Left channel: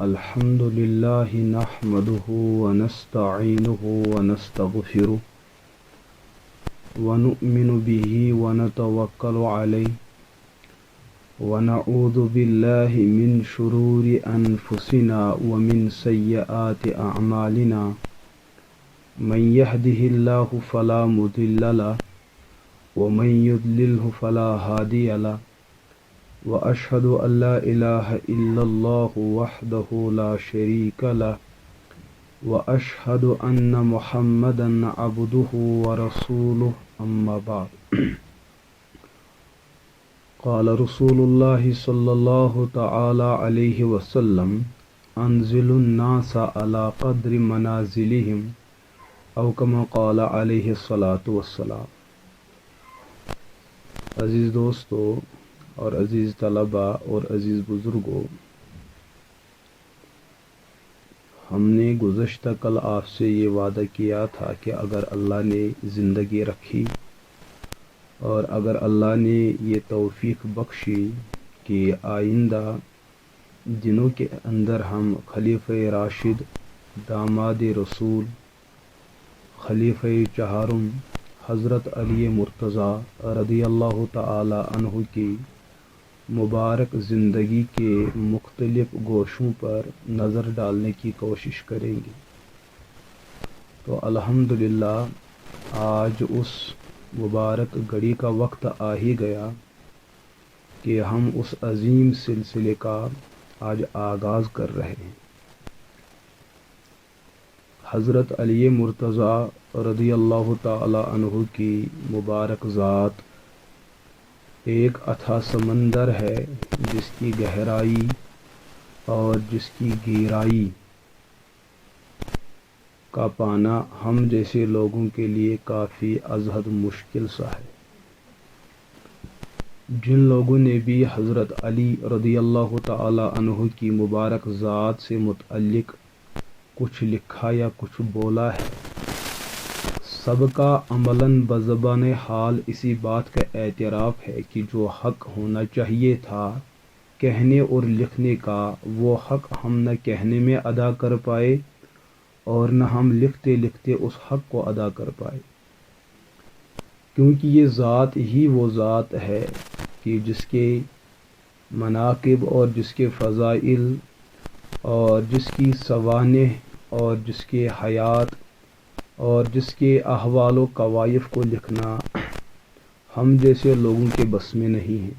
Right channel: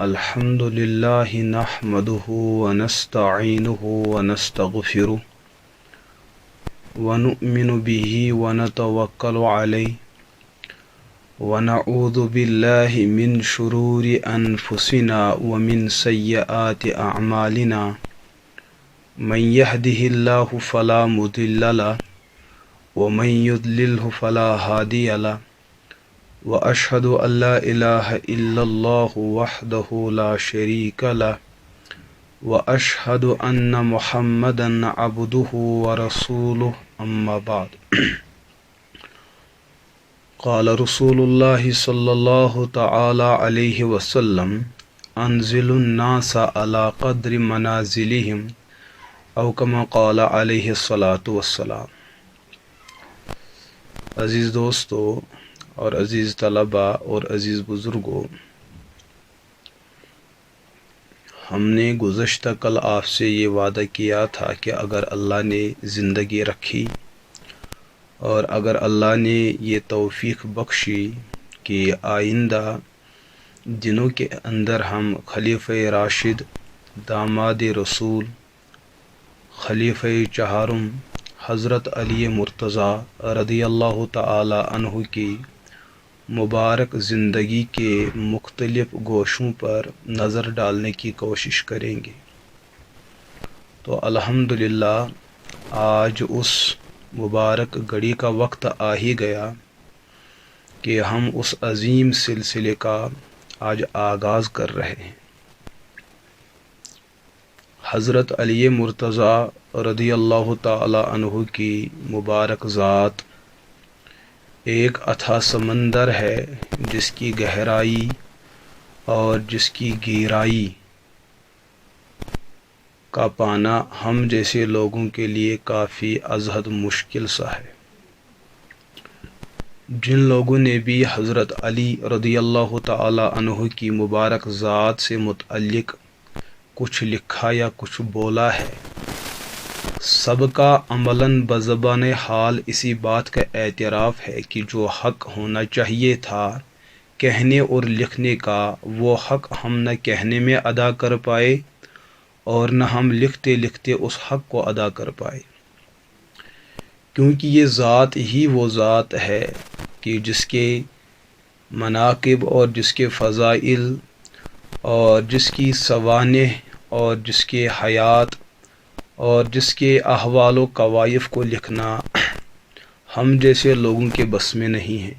الحمد لله نحمده ونستعينه ونستغفره ونؤمن به ونتوكل عليه ونعوذ بالله من شرور أنفسنا ومن سيئات أعمالنا من يهده الله فلا مضل له ومن يضلله فلا هادي له وأشهد أن لا إله إلا الله وحده لا شريك له وأشهد أن محمدا عبده ورسوله أما بعد قال رسول الله صلى الله تعالى عليه وسلم أنزل الناس على قدر منازلهم أو كما قال عليه الصلاة والسلام۔ عزیز دوستو اور عزیز طلباء اور عزیز بزرگوں، ہم نے گزشتہ کل آپ سے یہ وعدہ کیا تھا کہ اگر اللہ نے زندگی رکھی اور اگر اللہ نے یہ توفیق بخشی کہ آئندہ دنوں کے اندر ہم خلیفہ راشد، داماد رسول، خلیفہ چہارم حضرت علی مرتضیٰ رضی اللہ تعالی عنہ کی مبارک زندگی کے مختلف گوشوں پر نظر ڈالنے کی کوشش کریں گے، تو الحمدللہ آج اس مبارک گھڑی کا وقت آ ہی گیا کہ ہم اس عظیم سلسلے کا آج آغاز کر رہے ہیں۔ حضرت علی مرتضیٰ رضی اللہ تعالی عنہ کی مبارک ذات ایک اتھاہ سمندر ہے جس کی گہرائی اور جس کی گہرائی کا پانا ہم جیسے لوگوں کے لیے کافی ازحد مشکل سا ہے۔ جن لوگوں نے بھی حضرت علی رضی اللہ تعالی عنہ کی مبارک ذات سے متعلق کچھ لکھا یا کچھ بولا ہے، سب کا عملاً بزبان حال اسی بات کا اعتراف ہے کہ جو حق ہونا چاہیے تھا کہنے اور لکھنے کا، وہ حق ہم نہ کہنے میں ادا کر پائے اور نہ ہم لکھتے لکھتے اس حق کو ادا کر پائے، کیونکہ یہ ذات ہی وہ ذات ہے کہ جس کے مناقب اور جس کے فضائل اور جس کی سوانح اور جس کے حیات اور جس کے احوال و کوائف کو لکھنا ہم جیسے لوگوں کے بس میں نہیں ہے۔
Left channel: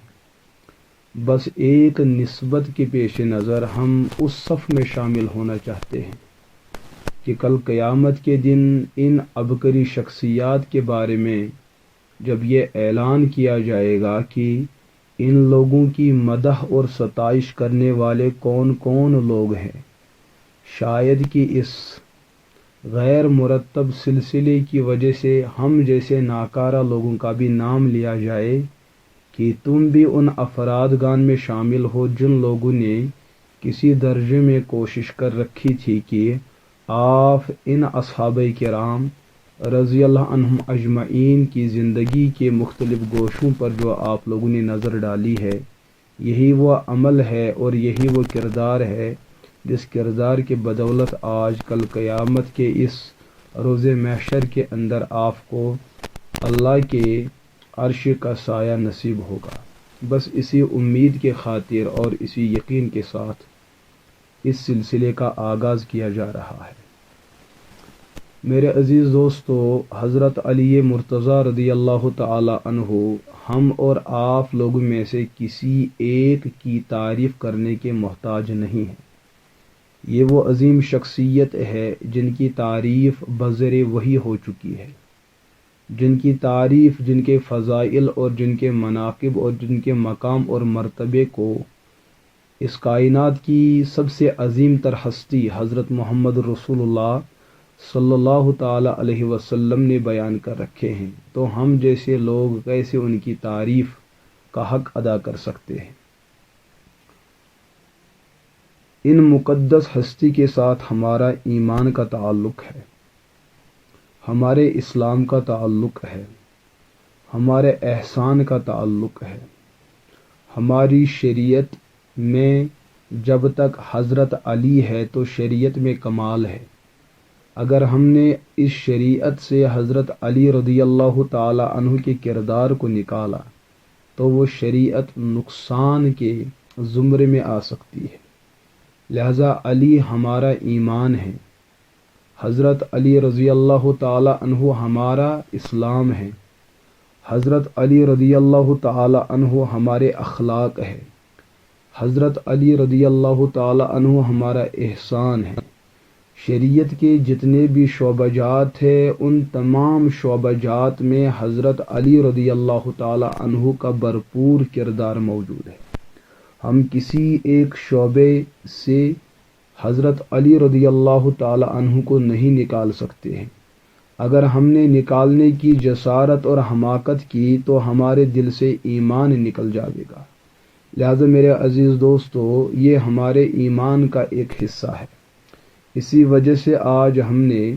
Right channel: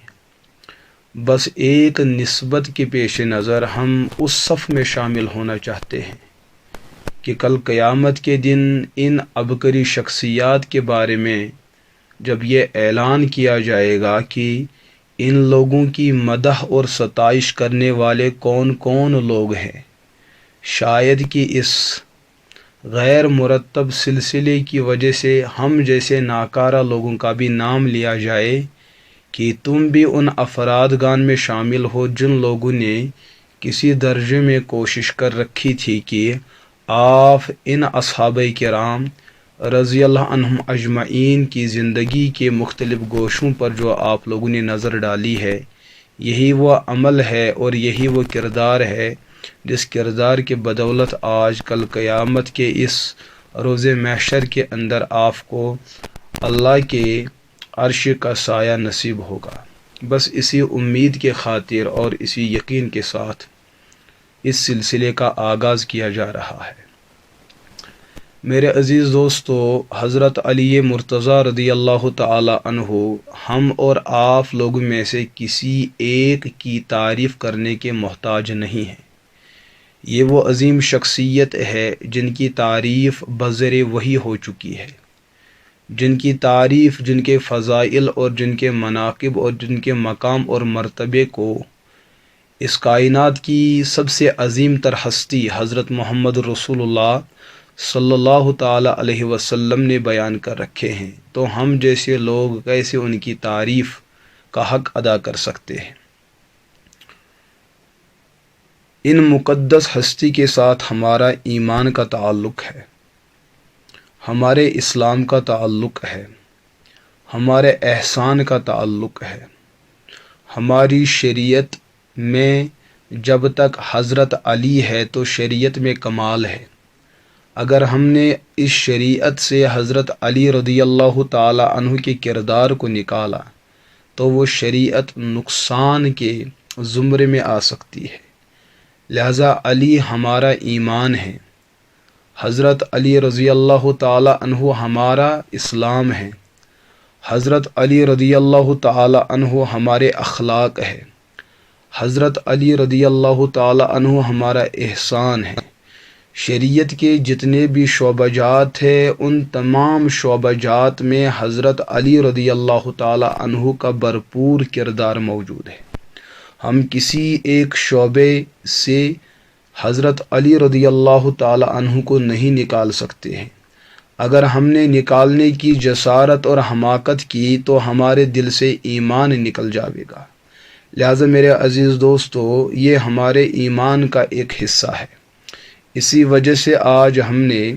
بس ایک نسبت کے پیش نظر ہم اس صف میں شامل ہونا چاہتے ہیں کہ کل قیامت کے دن ان عبقری شخصیات کے بارے میں جب یہ اعلان کیا جائے گا کہ ان لوگوں کی مدح اور ستائش کرنے والے کون کون لوگ ہیں، شاید کہ اس غیر مرتب سلسلے کی وجہ سے ہم جیسے ناکارہ لوگوں کا بھی نام لیا جائے کہ تم بھی ان افرادگان میں شامل ہو جن لوگوں نے کسی درجے میں کوشش کر رکھی تھی کہ آپ ان اصحابہ کرام رضی اللہ عنہم اجمعین کی زندگی کے مختلف گوشوں پر جو آپ لوگوں نے نظر ڈالی ہے، یہی وہ عمل ہے اور یہی وہ کردار ہے جس کردار کے بدولت آج کل قیامت کے اس روز محشر کے اندر آپ کو اللہ کے عرش کا سایہ نصیب ہوگا۔ بس اسی امید کے خاطر اور اسی یقین کے ساتھ اس سلسلے کا آغاز کیا جا رہا ہے۔ میرے عزیز دوستو، حضرت علی مرتضیٰ رضی اللہ تعالی عنہ ہم اور آپ لوگوں میں سے کسی ایک کی تعریف کرنے کے محتاج نہیں ہیں۔ یہ وہ عظیم شخصیت ہے جن کی تعریف بذر وحی ہو چکی ہے، جن کی تعریف، جن کے فضائل اور جن کے مناقب اور جن کے مقام اور مرتبے کو اس کائنات کی سب سے عظیم تر ہستی حضرت محمد رسول اللہ صلی اللہ تعالی علیہ وسلم نے بیان کر رکھے ہیں، تو ہم جیسے لوگ کیسے ان کی تعریف کا حق ادا کر سکتے ہیں؟ ان مقدس ہستی کے ساتھ ہمارا ایمان کا تعلق ہے، ہمارے اسلام کا تعلق ہے، ہمارے احسان کا تعلق ہے، ہماری شریعت میں جب تک حضرت علی ہے تو شریعت میں کمال ہے۔ اگر ہم نے اس شریعت سے حضرت علی رضی اللہ تعالی عنہ کے کردار کو نکالا تو وہ شریعت نقصان کے زمرے میں آ سکتی ہے۔ لہذا علی ہمارا ایمان ہے، حضرت علی رضی اللہ تعالی عنہ ہمارا اسلام ہے، حضرت علی رضی اللہ تعالی عنہ ہمارے اخلاق ہے، حضرت علی رضی اللہ تعالی عنہ ہمارا احسان ہے۔ شریعت کے جتنے بھی شعبہ جات ہیں ان تمام شعبہ جات میں حضرت علی رضی اللہ تعالی عنہ کا بھرپور کردار موجود ہے۔ ہم کسی ایک شعبے سے حضرت علی رضی اللہ تعالی عنہ کو نہیں نکال سکتے ہیں۔ اگر ہم نے نکالنے کی جسارت اور حماقت کی تو ہمارے دل سے ایمان نکل جاوے گا۔ لہٰذا میرے عزیز دوستو، یہ ہمارے ایمان کا ایک حصہ ہے۔ اسی وجہ سے آج ہم نے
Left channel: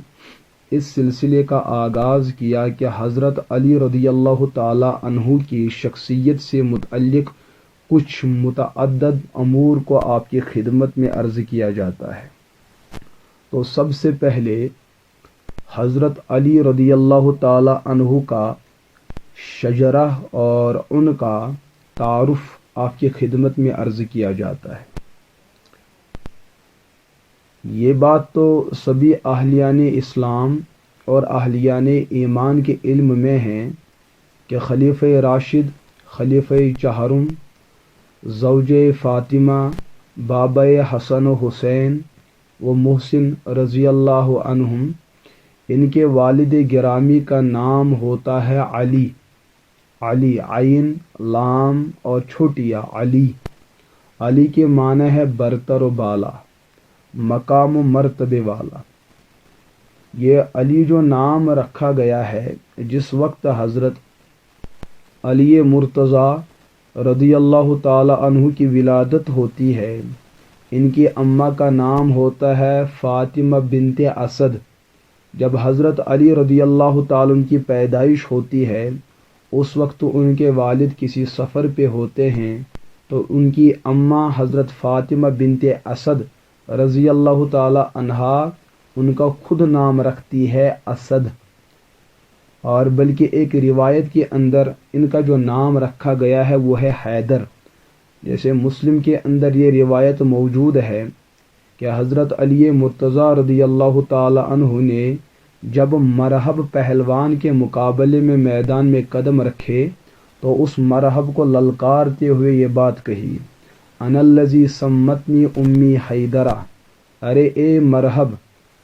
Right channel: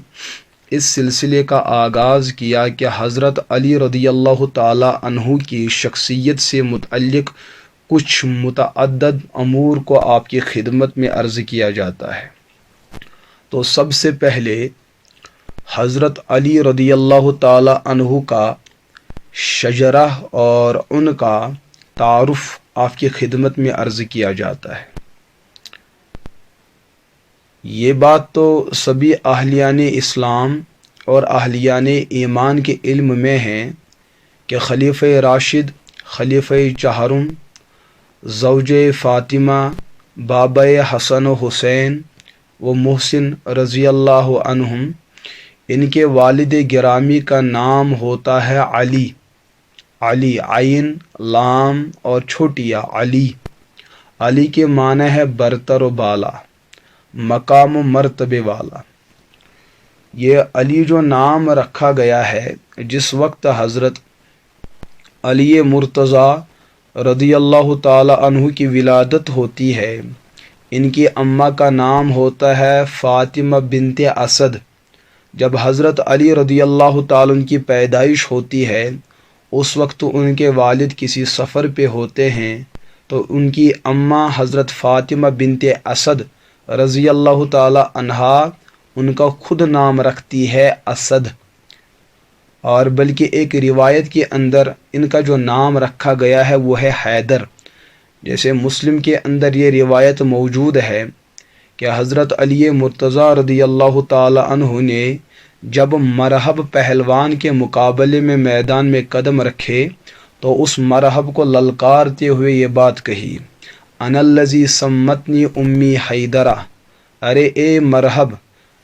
اس سلسلے کا آغاز کیا کہ حضرت علی رضی اللہ تعالی عنہ کی شخصیت سے متعلق کچھ متعدد امور کو آپ کی خدمت میں عرض کیا جاتا ہے۔ تو سب سے پہلے حضرت علی رضی اللہ تعالی عنہ کا شجرہ اور ان کا تعارف آپ کی خدمت میں عرض کیا جاتا ہے۔ یہ بات تو سبھی اہلیان اسلام اور اہلیان ایمان کے علم میں ہے کہ خلیفہ راشد، خلیفہ چہارم، زوج فاطمہ، بابا حسن و حسین و محسن رضی اللہ عنہم، ان کے والد گرامی کا نام ہوتا ہے علی۔ علی عین، لام اور چھوٹیا علی۔ علی کے معنی ہے برتر و بالا، مقام و مرتبے والا۔ یہ علی جو نام رکھا گیا ہے، جس وقت حضرت علی مرتضیٰ رضی اللہ تعالی عنہ کی ولادت ہوتی ہے، ان کی اماں کا نام ہوتا ہے فاطمہ بنت اسد۔ جب حضرت علی رضی اللہ تعالی عنہ کی پیدائش ہوتی ہے، اس وقت ان کے والد کسی سفر پہ ہوتے ہیں، تو ان کی اماں حضرت فاطمہ بنت اسد رضی اللہ تعالی عنہا ان کا خود نام رکھتی ہے اسد، اور بلکہ ایک روایت کے اندر ان کا جو نام رکھا گیا ہے وہ ہے حیدر۔ جیسے مسلم کے اندر یہ روایت موجود ہے کہ حضرت علی مرتضیٰ رضی اللہ تعالی عنہ نے جب مرحب پہلوان کے مقابلے میں میدان میں قدم رکھے تو اس مرحب کو للکارتے ہوئے یہ بات کہی، انا الذی سمتنی امی حیدرہ، ارے اے مرحب،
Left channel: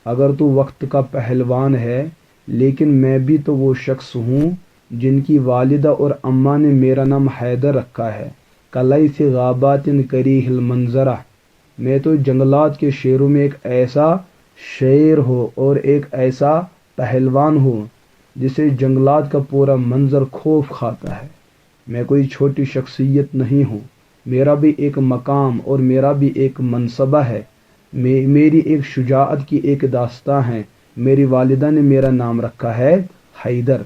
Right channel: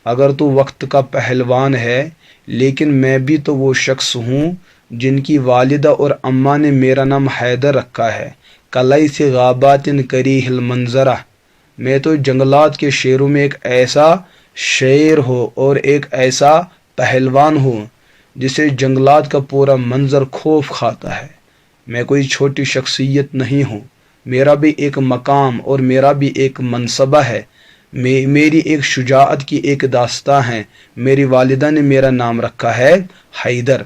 اگر تو وقت کا پہلوان ہے لیکن میں بھی تو وہ شخص ہوں جن کی والدہ اور اماں نے میرا نام حیدر رکھا ہے۔ کلیث غابات کریہ المنظرہ، میں تو جنگلات کے شیروں میں ایک ایسا شیر ہو اور ایک ایسا پہلوان ہوں جسے جنگلات کا پورا منظر خوف کھاتا ہے۔ میں کوئی چھوٹی شخصیت نہیں ہوں، میرا بھی ایک مقام اور میرا بھی ایک منصبہ ہے، میری ایک شجاعت کی ایک داستان ہے۔ میری والدہ نے میرا نام رکھا ہے حیدر۔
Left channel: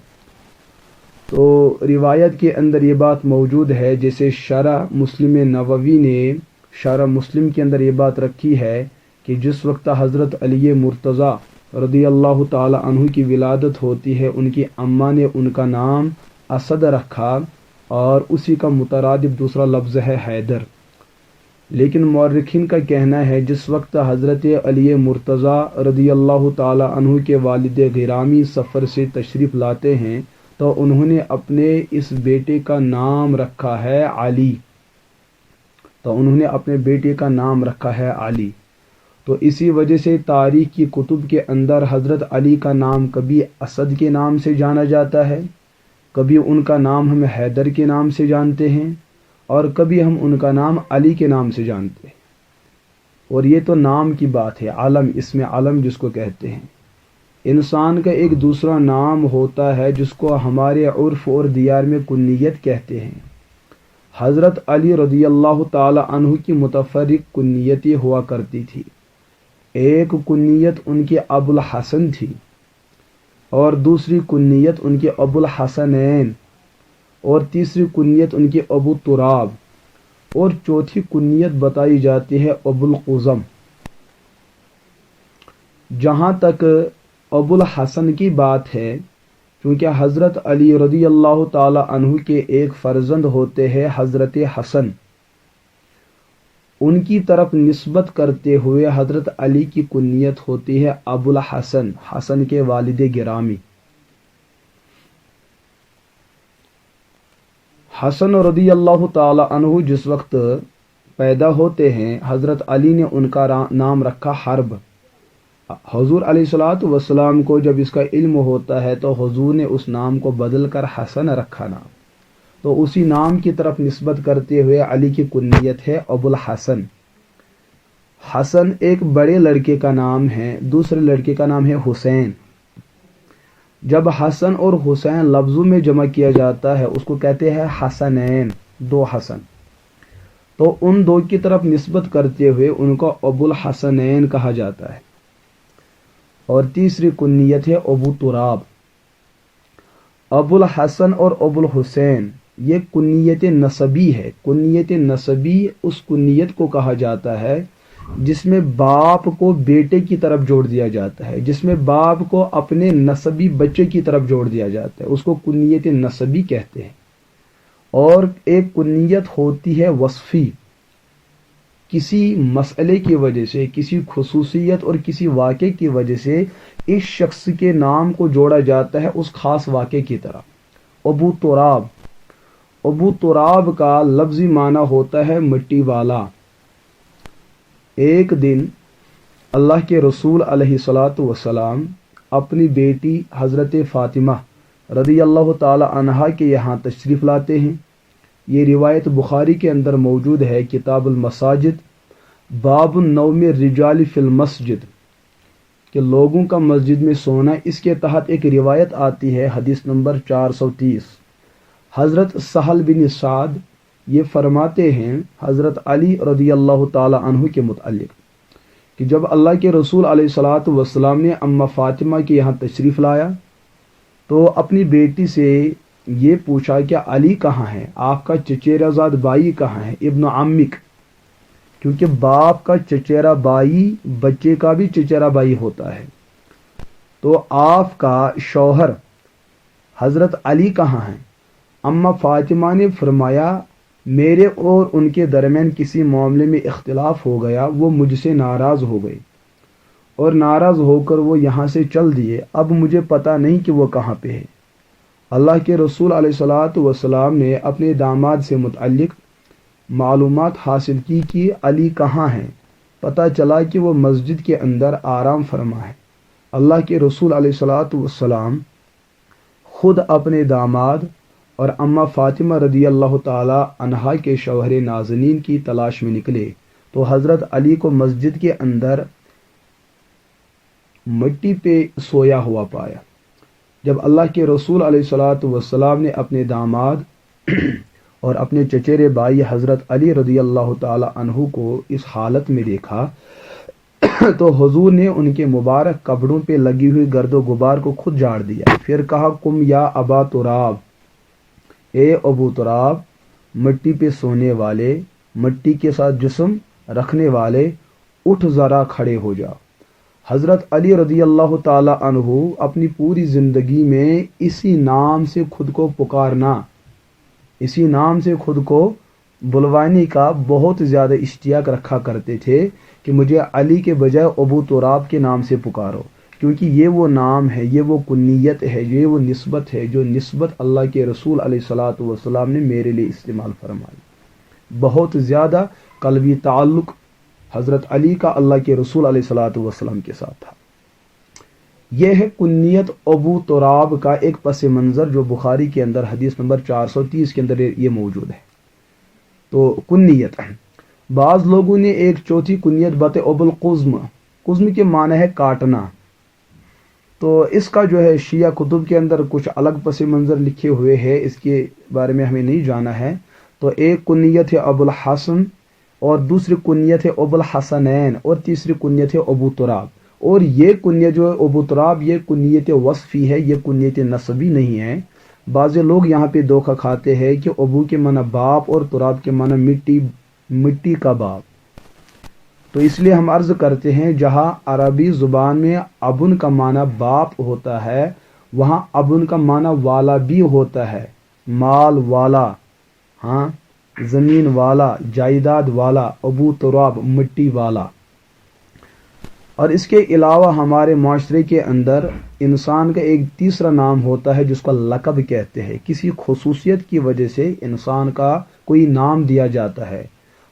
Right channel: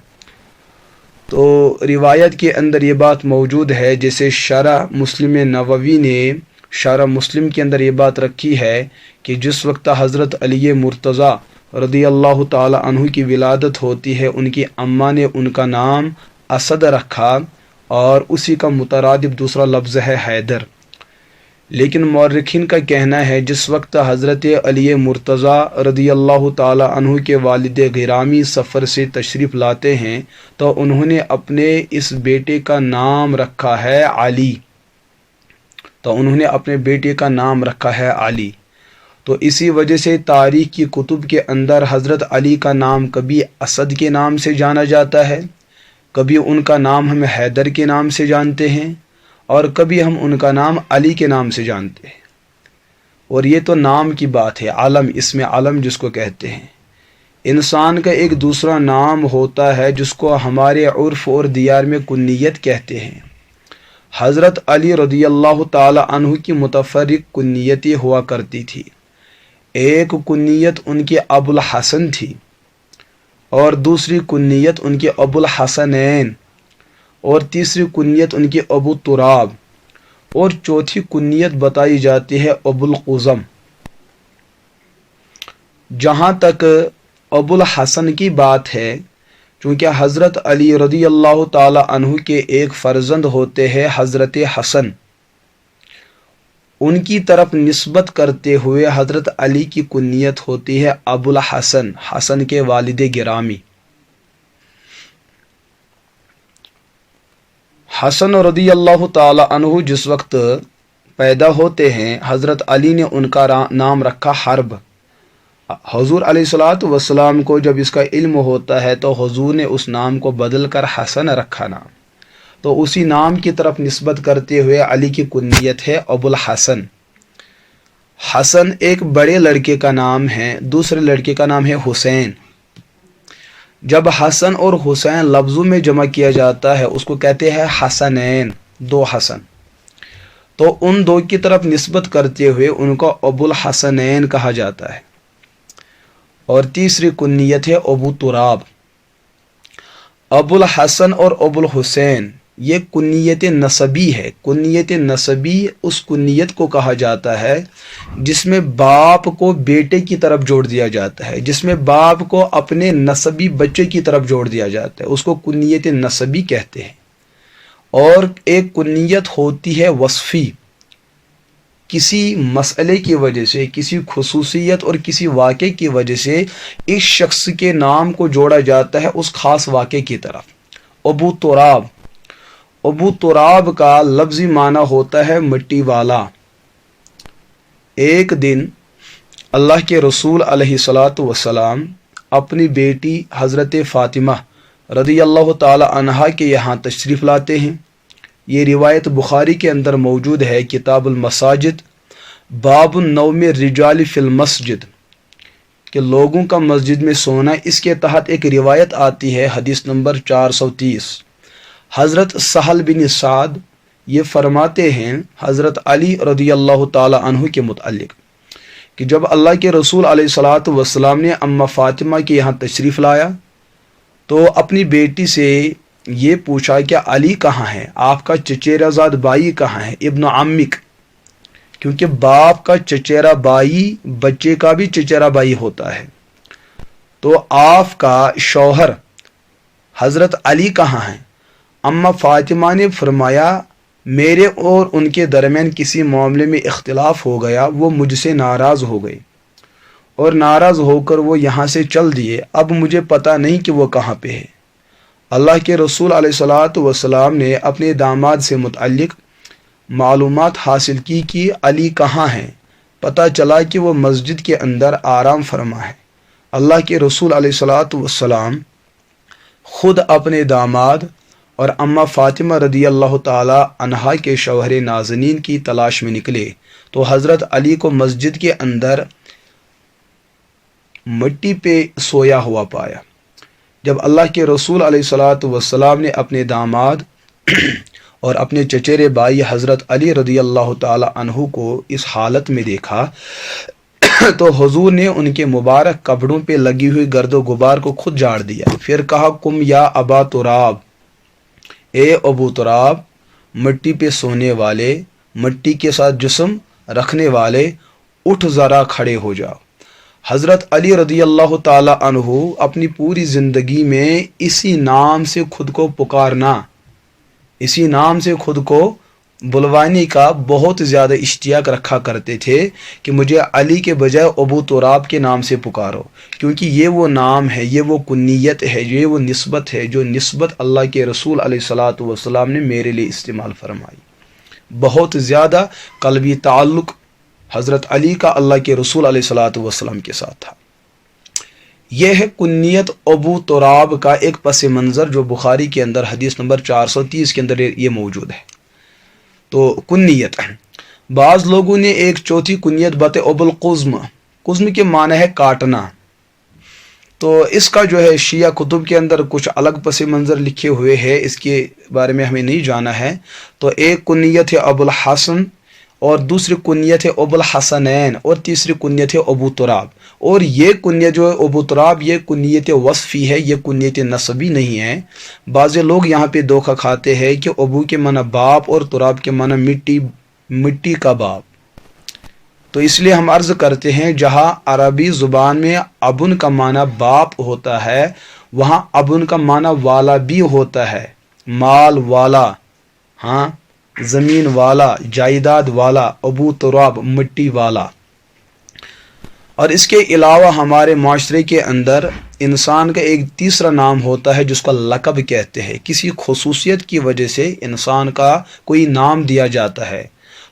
تو روایت کے اندر یہ بات موجود ہے، جیسے شرح مسلم نووی نے شرح مسلم کے اندر یہ بات رکھی ہے کہ جس وقت حضرت علی مرتضیٰ رضی اللہ تعالی عنہ کی ولادت ہوتی ہے، ان کی اماں نے ان کا نام اسد رکھا اور اسی کا مترادف دوسرا لفظ ہے حیدر۔ لیکن مورخین کا کہنا ہے جس وقت حضرت علی مرتضیٰ رضی اللہ تعالی عنہ کے والد گرامی سفر سے تشریف لاتے ہیں تو انہوں نے اپنے اس بیٹے کا نام رکھا ہے علی، تو اسی وجہ سے تاریخ کی کتب کے اندر حضرت علی کا نام کبھی اسد کے نام سے جانا جاتا ہے، کبھی ان کا نام ہم حیدر کے نام سے جانتے ہیں، اور کبھی ہم ان کا نام علی کے نام سے جانتے ہیں۔ اور یہ تو نام کی بات ہے، علم، اسم علم جس کو کہتے ہیں۔ انسان کا ایک دوسرا نام ہوتا ہے جس کو ہمارے عرف اور دیار میں کنیت کہتے ہیں۔ حضرت علی رضی اللہ تعالی عنہ کی متفرق کنیتیں ہوا کرتی تھی۔ ایک کنیت ان کی ابو الحسن تھی، اور دوسری کنیت ان کے ابو الحسنین، اور تیسری کنیت ان کی ابو تراب، اور چوتھی کنیت بتائی جاتی ہے ابو القزم۔ جہاں تک ابو الحسن کی بات ہے، چونکہ حضرت علی رضی اللہ تعالی عنہ کے ایک فرزند ہوتے ہیں حضرت حسن، ان کی طرف نسبت کرتے ہوئے حضرت علی کی کنیت ہوتی ہے ابو الحسن، حسن کے والد گرامی۔ حسن رضی اللہ تعالی عنہ جس وقت پیدا ہوتے ہیں، حضرت علی نے ان کا نام رکھا حرب۔ حضور علیہ الصلوۃ والسلام کو جب اس کا علم ہوتا ہے تو حضور نے اس نام کو بدل کر حسن رکھا نام، تو اسی نام کی طرف نسبت کرتے ہوئے علی کی کنیت ہے ابو الحسن۔ حسن ایک بڑے لڑکے کا نام ہے، دوسرے لڑکے کا نام ہے حسین۔ جب حسن اور حسین لفظوں میں جمع کیا جاتا ہے اس کو کہتے ہیں حسنین، دو حسن، تو ان دو کی طرف نسبت کرتے ہوئے ان کو ابو الحسنین کہا جاتا ہے۔ اور تیسری کنیت ہے ابو تراب۔ ابو الحسن اور ابو الحسین یہ کنیت نسبی ہے۔ کنیت نسبی اس کنیت کو کہا جاتا ہے جس میں باپ کو بیٹے کی طرف جوڑ دیا جاتا ہے، جس میں باپ کو اپنے نسبی بچے کی طرف جوڑ دیا جاتا ہے، اس کو کنیت نسبی کہتے ہیں۔ اور ایک کنیت ہوتی ہے وصفی، کسی مسئلے کی وجہ سے، کسی خصوصیت اور کسی واقعے کی وجہ سے اس شخص کے نام کو جوڑا جاتا ہے اس خاص واقعے کی طرف۔ ابو تراب، ابو تراب کا لفظی معنی ہوتا ہے مٹی والا۔ ایک دن اللہ کے رسول علیہ الصلوۃ والسلام اپنی بیٹی حضرت فاطمہ رضی اللہ تعالی عنہا کے یہاں تشریف لاتے ہیں۔ یہ روایت بخاری کے اندر موجود ہے، کتاب المساجد، باب النوم الرجال فی المسجد، کہ لوگوں کا مسجد میں سونا۔ اس کے تحت ایک روایت آتی ہے، حدیث نمبر 430۔ حضرت سہل بن سعد یہ فرماتے ہیں حضرت علی رضی اللہ تعالی عنہ کے متعلق کہ جب اللہ کے رسول علیہ الصلوۃ والسلام نے اماں فاطمہ کے یہاں تشریف لایا تو اپنی بیٹی سے یہ پوچھا کہ علی کہاں ہے، آپ کا چچیرا زاد بھائی کہاں ہے، ابن عمک، کیونکہ باپ کا چچیرا بھائی بچے کا بھی چچیرا بھائی ہوتا ہے۔ تو آپ کا شوہر حضرت علی کہاں ہیں؟ اماں فاطمہ نے فرمایا میرے اور ان کے درمیان کسی معاملے میں اختلاف ہو گیا، وہ مجھ سے ناراض ہو گئے اور ناراض ہو کر وہ یہاں سے چل دیے، اب مجھے پتہ نہیں کہ وہ کہاں پہ ہے۔ اللہ کے رسول علیہ الصلوۃ والسلام نے اپنے داماد سے متعلق معلومات حاصل کی کہ علی کہاں ہیں، پتہ چلا کہ وہ مسجد کے اندر آرام فرما ہے۔ اللہ کے رسول علیہ الصلوۃ والسلام خود اپنے داماد اور اماں فاطمہ رضی اللہ تعالی عنہا کے شوہر نازنین کی تلاش میں نکلے تو حضرت علی کو مسجد کے اندر مٹی پہ سویا ہوا پایا۔ جب اللہ کے رسول علیہ الصلوۃ والسلام نے اپنے داماد اور اپنے چچیرے بھائی حضرت علی رضی اللہ تعالی عنہ کو اس حالت میں دیکھا تو حضور نے ان کے مبارک کپڑوں پہ لگی ہوئی گرد و غبار کو خود جھاڑ دیا، پھر کہا کم یا ابا تراب، اے ابو تراب، مٹی پہ سونے والے، مٹی کے ساتھ جسم رکھنے والے، اٹھ ذرا کھڑے ہو جاؤ۔ حضرت علی رضی اللہ تعالی عنہ اپنی پوری زندگی میں اسی نام سے خود کو پکارنا، اسی نام سے خود کو بلوانے کا بہت زیادہ اشتیاق رکھا کرتے تھے کہ مجھے علی کے بجائے ابو تراب کے نام سے پکارو، کیونکہ یہ وہ نام ہے، یہ وہ کنیت ہے، یہ وہ نسبت ہے جو نسبت اللہ کے رسول علیہ الصلوۃ والسلام نے میرے لیے استعمال فرمائی۔ بہت زیادہ قلبی تعلق حضرت علی کا اللہ کے رسول علیہ الصلوۃ والسلام کے ساتھ تھا۔ یہ ہے کنیت ابو تراب کا ایک پس منظر جو بخاری کے اندر حدیث نمبر 430 کے اندر یہ موجود ہے۔ تو کنیت، بعض لوگوں نے ایک چوتھی کنیت بتائی ابو القزم۔ قزم کے معنی ہے کاٹنا، تو اس کا جو ہے شیعہ کتب کے اندر کچھ الگ پس منظر لکھے ہوئے ہیں، اس کے بارے میں ہمیں نہیں جانا ہے۔ تو ایک کنیت ہے ابو الحسن اور دوسری کنیت ہے ابو الحسنین اور تیسری کنیت ہے ابو تراب۔ اور یہ کنیت جو ہے ابو تراب یہ کنیت وصفی ہے، یہ کنیت نسبی نہیں ہے۔ بعض لوگ یہاں پہ دھوکہ کھاتے ہیں کہ ابو کے معنی باپ اور تراب کے معنی مٹی مٹی کا باپ۔ تو اس لیے ہم عرض کرتے ہیں جہاں عربی زبان میں ابن کا معنی باپ ہوتا ہے وہاں ابن کا معنی والا بھی ہوتا ہے، مال والا، ہاں، زمین والا، جائیداد والا، ابو تراب مٹی والا۔ اور اس کے علاوہ ہمارے معاشرے کے اندر انسان کا ایک تیسرا نام ہوتا ہے جس کو لقب کہتے ہیں، کسی خصوصیت کی وجہ سے انسان کا کوئی نام دیا جاتا ہے۔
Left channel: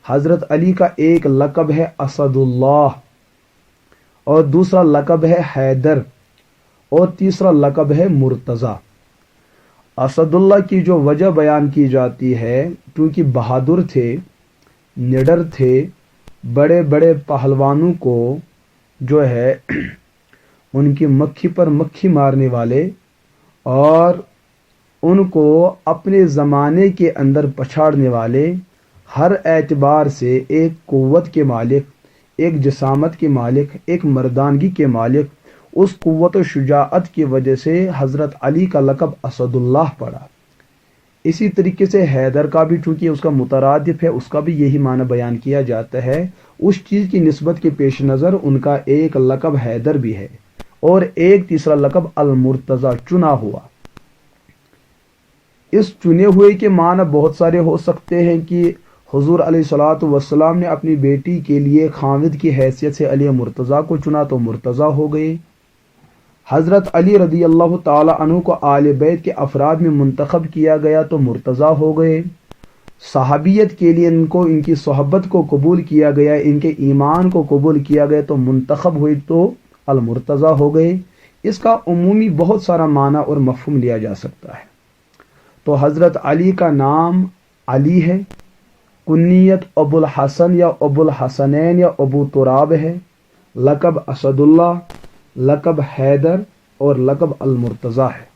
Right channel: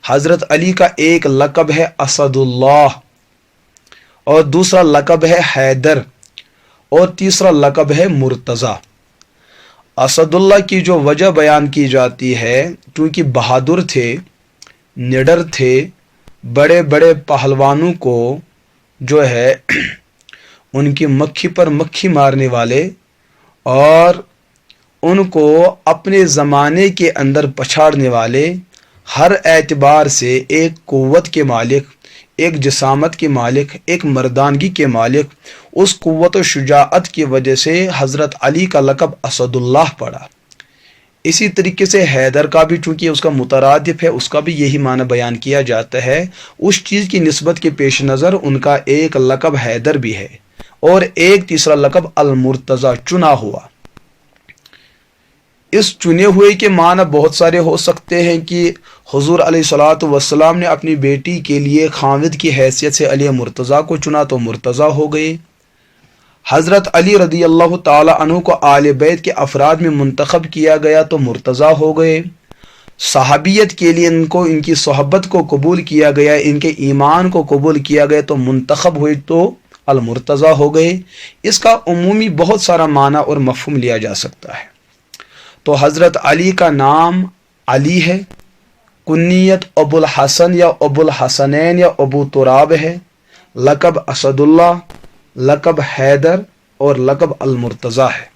حضرت علی کا ایک لقب ہے اسد اللہ، اور دوسرا لقب ہے حیدر، اور تیسرا لقب ہے مرتضی۔ اسد اللہ کی جو وجہ بیان کی جاتی ہے کیونکہ بہادر تھے، نڈر تھے، بڑے بڑے پہلوانوں کو جو ہے ان کی مکھی پر مکھی مارنے والے اور ان کو اپنے زمانے کے اندر پچھاڑنے والے، ہر اعتبار سے ایک قوت کے مالک، ایک جسامت کے مالک، ایک مردانگی کے مالک، اس قوت و شجاعت کی وجہ سے حضرت علی کا لقب اسد اللہ پڑا۔ اسی طریقے سے حیدر کا بھی چونکہ اس کا مترادف ہے، اس کا بھی یہی معنی بیان کیا جاتا ہے۔ اس چیز کی نسبت کے پیش نظر ان کا ایک لقب حیدر بھی ہے اور ایک تیسرا لقب المرتضی، چنا ہوا۔ اس چنے ہوئے کے معنی بہت سارے ہو سکتے ہیں کہ حضور علیہ الصلوۃ والسلام نے اپنی بیٹی کے لیے خاوند کی حیثیت سے علی مرتضی کو چنا تو مرتضی ہو گئے۔ حضرت علی رضی اللہ تعالی عنہ کو آل بیت کے افراد میں منتخب کیا گیا تو مرتضی ہو گئے۔ صحابیت کے لیے ان کی صحبت کو قبول کیا گیا، ان کے ایمان کو قبول کیا گیا تو منتخب ہوئے تو المرتضی ہو گئے۔ اس کا عمومی بہت سارا معنی اور مفہوم لیا جا سکتا ہے۔ تو حضرت علی کا نام علی ہے، کنیت ابو الحسن یا ابو الحسنین یا ابو تراب ہے، لقب اسد اللہ، لقب حیدر اور لقب المرتضی ہے۔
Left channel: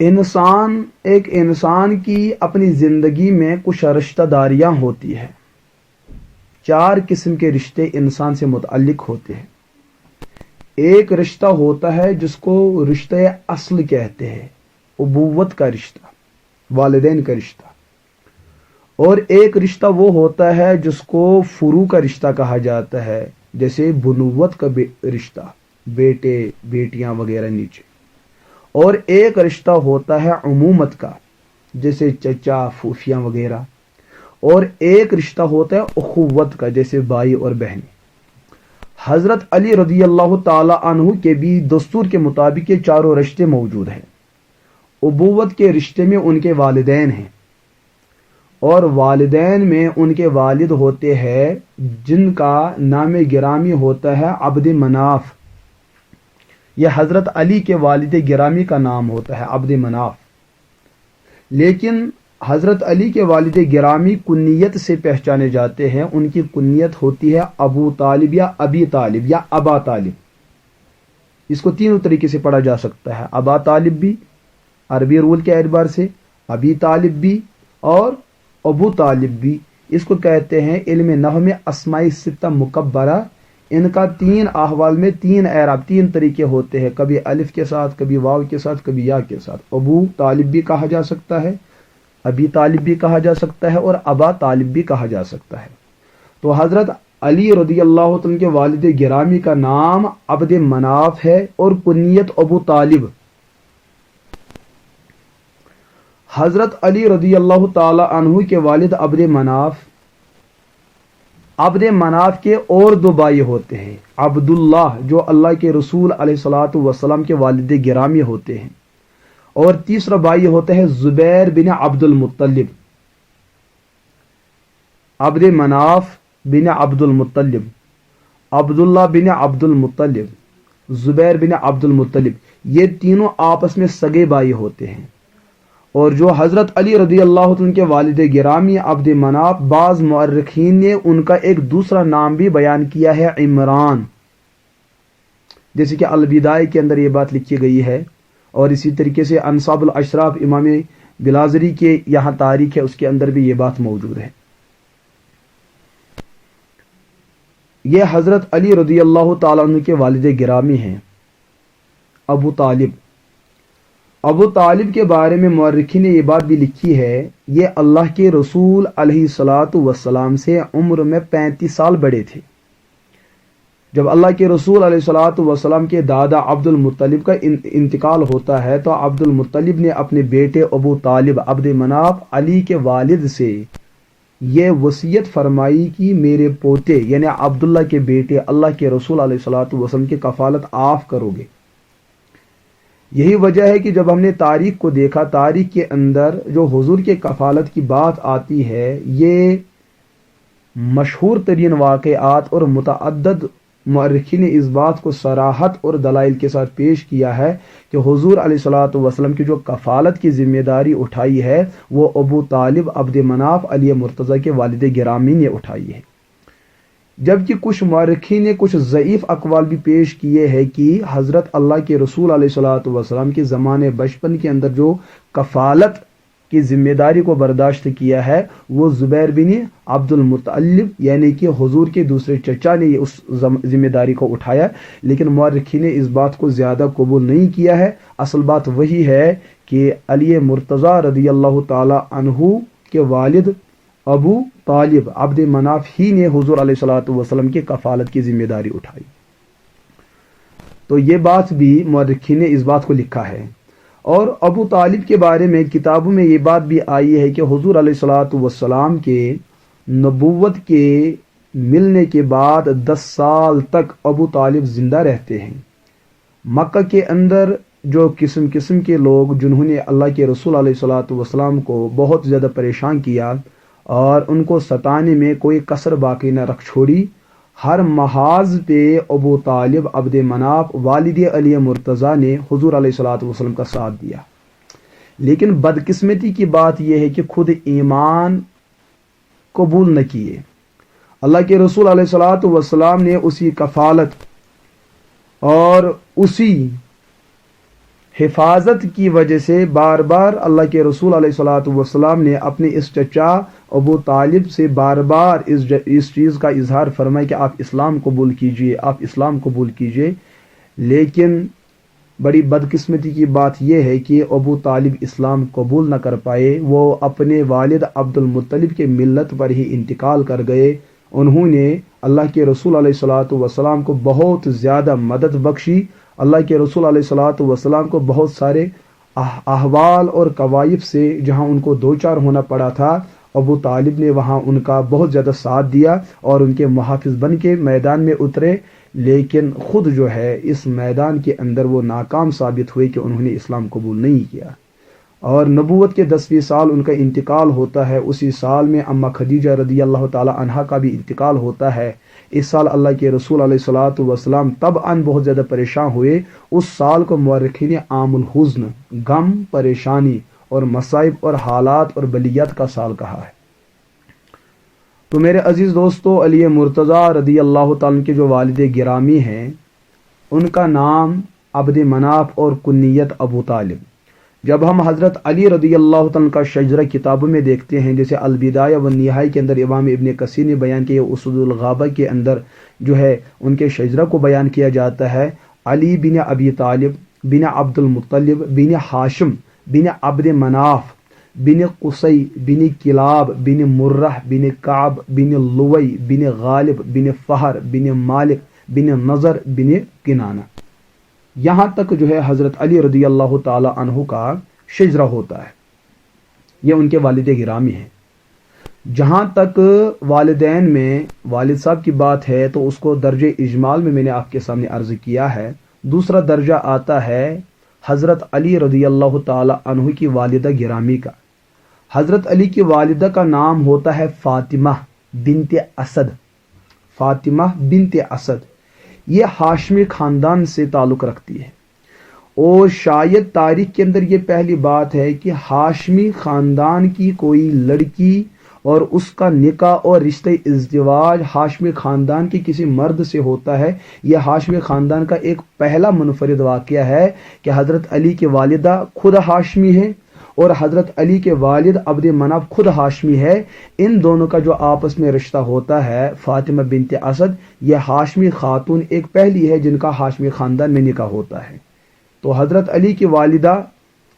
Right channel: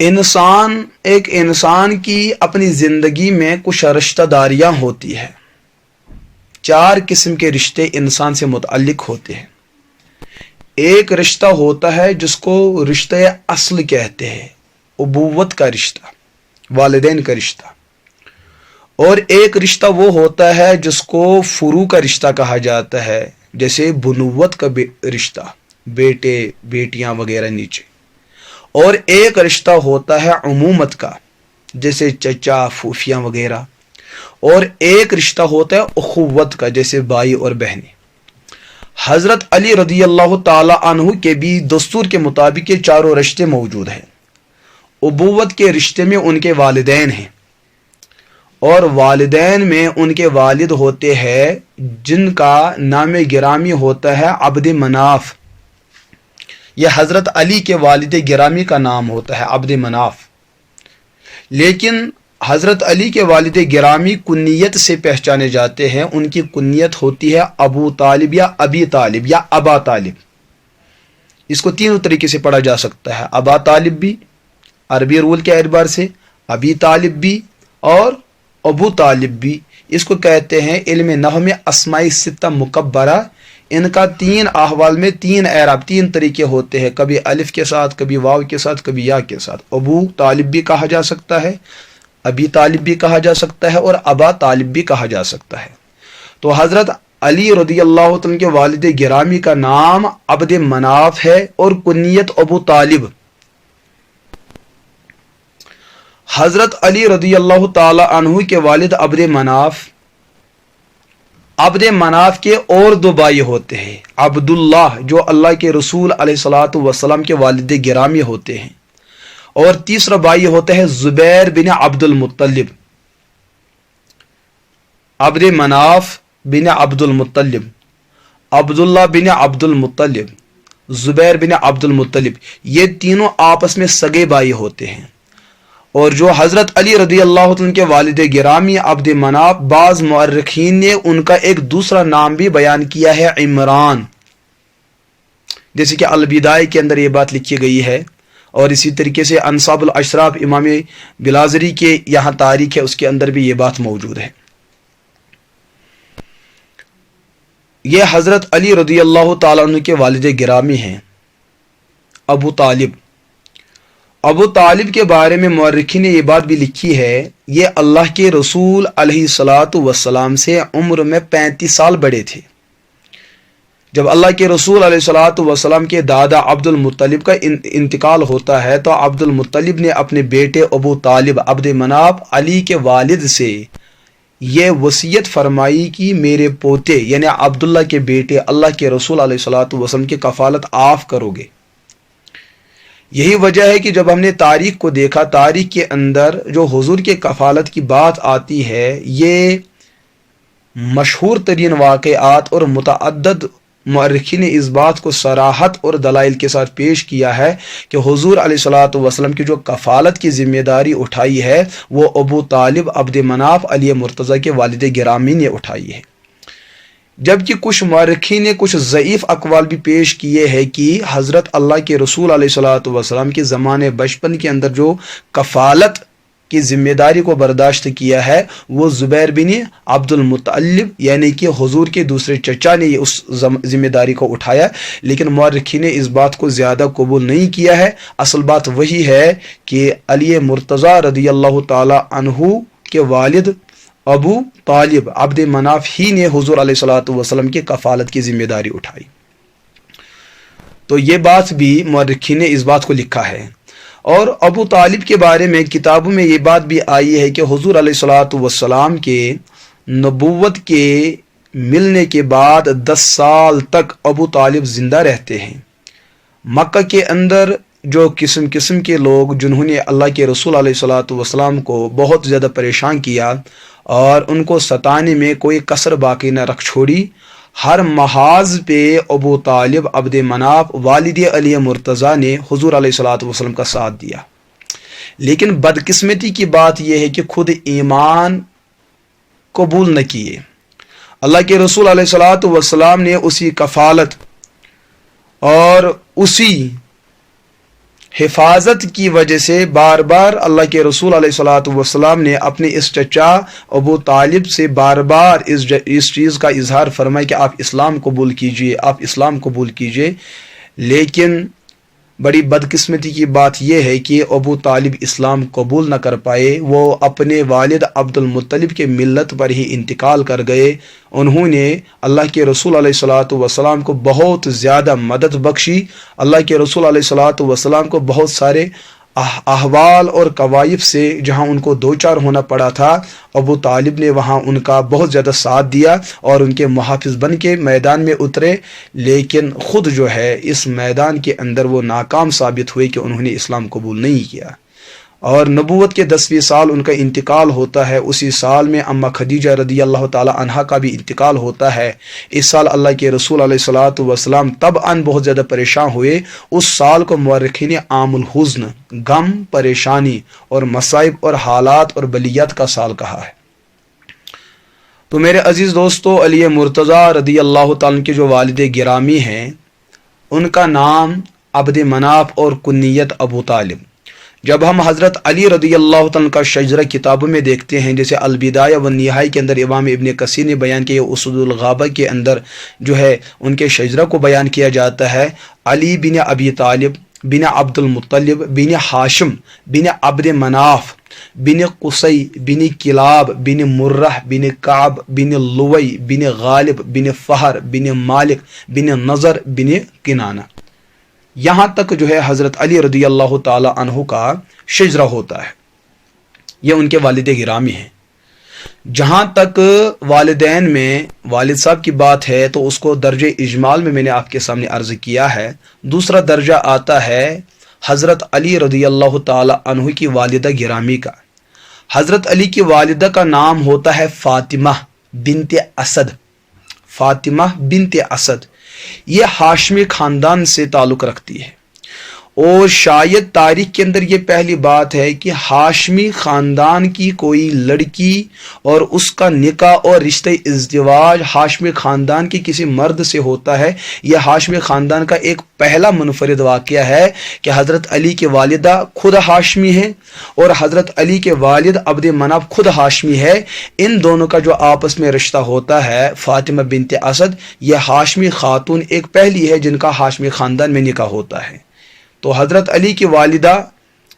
ایک انسان کی اپنی زندگی میں کچھ رشتہ داریاں ہوتی ہیں، 4 قسم کے رشتے انسان سے متعلق ہوتے ہیں۔ ایک رشتہ ہوتا ہے جس کو رشتہ اصل کہتے ہیں، ابوت کا رشتہ، والدین کا رشتہ، اور ایک رشتہ وہ ہوتا ہے جس کو فروع کا رشتہ کہا جاتا ہے، جیسے بنوت کا رشتہ، بیٹے بیٹیاں وغیرہ نیچے، اور ایک رشتہ ہوتا ہے عمومت کا، جیسے چچا پھوپھیاں وغیرہ، اور ایک رشتہ ہوتا ہے اخوت کا، جیسے بھائی اور بہنیں۔ حضرت علی رضی اللہ تعالی عنہ کے بھی دستور کے مطابق یہ چاروں رشتے موجود ہیں۔ ابوت کے رشتے میں ان کے والدین ہیں، اور والدین میں ان کے والد ہوتے ہیں جن کا نام گرامی ہوتا ہے عبد مناف۔ یہ حضرت علی کے والد گرامی کا نام ہوتا ہے عبد مناف، لیکن حضرت علی کے والد گرامی کنیت سے پہچانے جاتے ہیں، ان کی کنیت ہوتی ہے ابو طالب یا ابی طالب یا ابا طالب۔ اس کو 3 طریقے سے پڑھا جا سکتا ہے، ابا طالب بھی عربی رول کے اعتبار سے، ابی طالب بھی اور ابو طالب بھی۔ اس کو کہتے ہیں علم نحو میں اسماء 6 مکبرہ۔ ان کا 3 احوال میں 3 اعراب، 3 طریقے ہوتے ہیں، کبھی الف کے ساتھ، کبھی واو کے ساتھ، کبھی یا کے ساتھ۔ ابو طالب بھی کہا جا سکتا ہے، ابی طالب بھی کہا جا سکتا ہے، اور ابا طالب بھی کہا جا سکتا ہے۔ تو حضرت علی رضی اللہ عنہ کے والد گرامی کا نام عبد مناف ہے اور کنیت ابو طالب۔ حضرت علی رضی اللہ تعالی عنہ کے والد عبد مناف کے اور 2 بھائی ہوتے ہیں، عبداللہ جو اللہ کے رسول علیہ الصلوۃ والسلام کے والد گرامی ہوتے ہیں، اور تیسرا بھائی ہوتا ہے زبیر بن عبد المطلب۔ عبد مناف بن عبد المطلب، عبداللہ بن عبد المطلب، زبیر بن عبد المطلب، یہ تینوں آپس میں سگے بھائی ہوتے ہیں۔ اور جو حضرت علی رضی اللہ عنہ کے والد گرامی عبد مناف، بعض مورخین نے ان کا ایک دوسرا نام بھی بیان کیا ہے، عمران، جیسے کہ البدایہ کے اندر یہ بات لکھی گئی ہے، اور اسی طریقے سے انصاب الاشراف امام بلازری کے یہاں تاریخ ہے، اس کے اندر بھی یہ بات موجود ہے۔ یہ حضرت علی رضی اللہ تعالیٰ عنہ کے والد گرامی ہیں ابو طالب، ابو طالب کے بارے میں مورخین نے یہ بات بھی لکھی ہے، یہ اللہ کے رسول علیہ الصلاۃ والسلام سے عمر میں 35 سال بڑے تھے۔ جب اللہ کے رسول علیہ الصلاۃ والسلام کے دادا عبد المطلب کا انتقال ہوتا ہے تو عبد المطلب نے اپنے بیٹے ابو طالب عبد مناف علی کے والد سے یہ وصیت فرمائی کہ میرے پوتے یعنی عبداللہ کے بیٹے اللہ کے رسول علیہ الصلاۃ والسلام کی کفالت آپ کرو گے۔ یہی وجہ ہے کہ جب ہم نے تاریخ کو دیکھا، تاریخ کے اندر جو حضور کے کفالت کی بات آتی ہے، یہ مشہور ترین واقعات اور متعدد مورخین نے اس بات کو صراحت اور دلائل کے ساتھ پیش کیا ہے کہ حضور علیہ الصلاۃ والسلام کی جو کفالت کی ذمہ داری اٹھائی ہے وہ ابو طالب عبد مناف علی مرتضیٰ کے والد گرامی نے اٹھائی ہے۔ جبکہ کچھ مورخین نے کچھ ضعیف اقوال بھی پیش کیے ہیں کہ حضرت اللہ کے رسول علیہ الصلاۃ والسلام کے زمانے بچپن کے اندر جو کفالت کی ذمہ داری کو برداشت کیا ہے وہ زبیر بن عبد المطلب یعنی کہ حضور کے دوسرے چچا نے اس ذمہ داری کو اٹھایا، لیکن مورخین نے اس بات کو زیادہ قبول نہیں کیا ہے۔ اصل بات وہی ہے کہ علی مرتضیٰ رضی اللہ تعالی عنہ کے والد ابو طالب عبد مناف ہی نے حضور علیہ الصلاۃ والسلام کی کفالت کی ذمہ داری اٹھائی۔ تو یہ بات بھی مورخین نے اس بات کو لکھا ہے۔ اور ابو طالب کے بارے میں کتابوں میں یہ بات بھی آئی ہے کہ حضور علیہ الصلاۃ والسلام کے نبوت کے ملنے کے بعد 10 سال تک ابو طالب زندہ رہتے ہیں۔ مکہ کے اندر جو قسم قسم کے لوگ جنہوں نے اللہ کے رسول علیہ الصلاۃ والسلام کو بہت زیادہ پریشان کیا اور ان کو ستانے میں کوئی کسر باقی نہ رکھ چھوڑی، ہر محاذ پہ ابو طالب عبد مناف والد علی مرتضیٰ نے حضور علیہ الصلاۃ والسلام کا ساتھ دیا۔ لیکن بدقسمتی کی بات یہ ہے کہ خود ایمان قبول نہ کیے۔ اللہ کے رسول علیہ الصلاۃ والسلام نے اسی کفالت اور اسی حفاظت کی وجہ سے بار بار اللہ کے رسول علیہ الصلاۃ والسلام نے اپنے اس چچا ابو طالب سے بار بار اس چیز کا اظہار فرمایا کہ آپ اسلام قبول کیجئے، آپ اسلام قبول کیجئے۔ لیکن بڑی بدقسمتی کی بات یہ ہے کہ ابو طالب اسلام قبول نہ کر پائے، وہ اپنے والد عبد المطلب کے ملت پر ہی انتقال کر گئے۔ انہوں نے اللہ کے رسول علیہ الصلاۃ والسلام کو بہت زیادہ مدد بخشی، اللہ کے رسول علیہ الصلاۃ والسلام کو بہت سارے احوال اور کوائف سے جہاں ان کو دوچار ہونا پڑا تھا، ابو طالب نے وہاں ان کا بہت زیادہ ساتھ دیا اور ان کے محافظ بن کے میدان میں اترے، لیکن خود جو ہے اس میدان کے اندر وہ ناکام ثابت ہوئے کہ انہوں نے اسلام قبول نہیں کیا۔ اور نبوت کے 10ویں سال ان کا انتقال ہوتا ہے، اسی سال میں اماں خدیجہ رضی اللہ تعالی عنہا کا بھی انتقال ہوتا ہے۔ اس سال اللہ کے رسول علیہ الصلاۃ والسلام طبعاً بہت زیادہ پریشان ہوئے۔ اس سال کو مورخین عام الحزن، غم، پریشانی اور مصائب اور حالات اور بلیات کا سال کہا ہے۔ تو میرے عزیز دوستو، علی مرتضیٰ رضی اللہ تعالیٰ کے جو والد گرامی ہیں ان کا نام عبد مناف اور کنیت ابو طالب۔ جب ہم حضرت علی رضی اللہ تعالیٰ کا شجرہ کتابوں میں دیکھتے ہیں، جیسے البدایہ والنہایہ کے اندر امام ابن کثیر نے بیان کیا، اسود الغابہ کے اندر جو ہے ان کے شجرہ کو بیان کیا جاتا ہے، علی بن ابی طالب بن عبد المطلب بن ہاشم بن عبد مناف بن قصی بن کلاب بن مرہ بن کعب بن لوی بن غالب بن فہر بن مالک بن نظر بن کنانہ، یہاں تک جو ہے حضرت علی رضی اللہ تعالی عنہ کا شجرہ ہوتا ہے۔ یہ ان کے والد گرامی ہیں۔ جہاں تک والدین میں والد صاحب کی بات ہے تو اس کو درجہ اجمال میں نے آپ کے سامنے عرض کیا ہے۔ دوسرا درجہ آتا ہے حضرت علی رضی اللہ تعالی عنہ کی والدہ گرامی کا۔ حضرت علی کی والدہ کا نام ہوتا ہے فاطمہ بنت اسد۔ فاطمہ بنت اسد یہ ہاشمی خاندان سے تعلق رکھتی ہے، اور شاید تاریخ کے اندر یہ پہلی بات ہے کہ ہاشمی خاندان کی کوئی لڑکی اور اس کا نکاح اور رشتہ ازدواج ہاشمی خاندان کے کسی مرد سے ہوتا ہے۔ یہ ہاشمی خاندان کا ایک پہلا منفرد واقعہ ہے کہ حضرت علی کے والدہ خود ہاشمی ہے اور حضرت علی کے والد عبد مناف خود ہاشمی ہے۔ ان دونوں کا جو آپس میں رشتہ ہوتا ہے فاطمہ بنت اسد، یہ ہاشمی خاتون ایک پہلی ہے جن کا ہاشمی خاندان میں نکاح ہوتا ہے۔ تو حضرت علی کی والدہ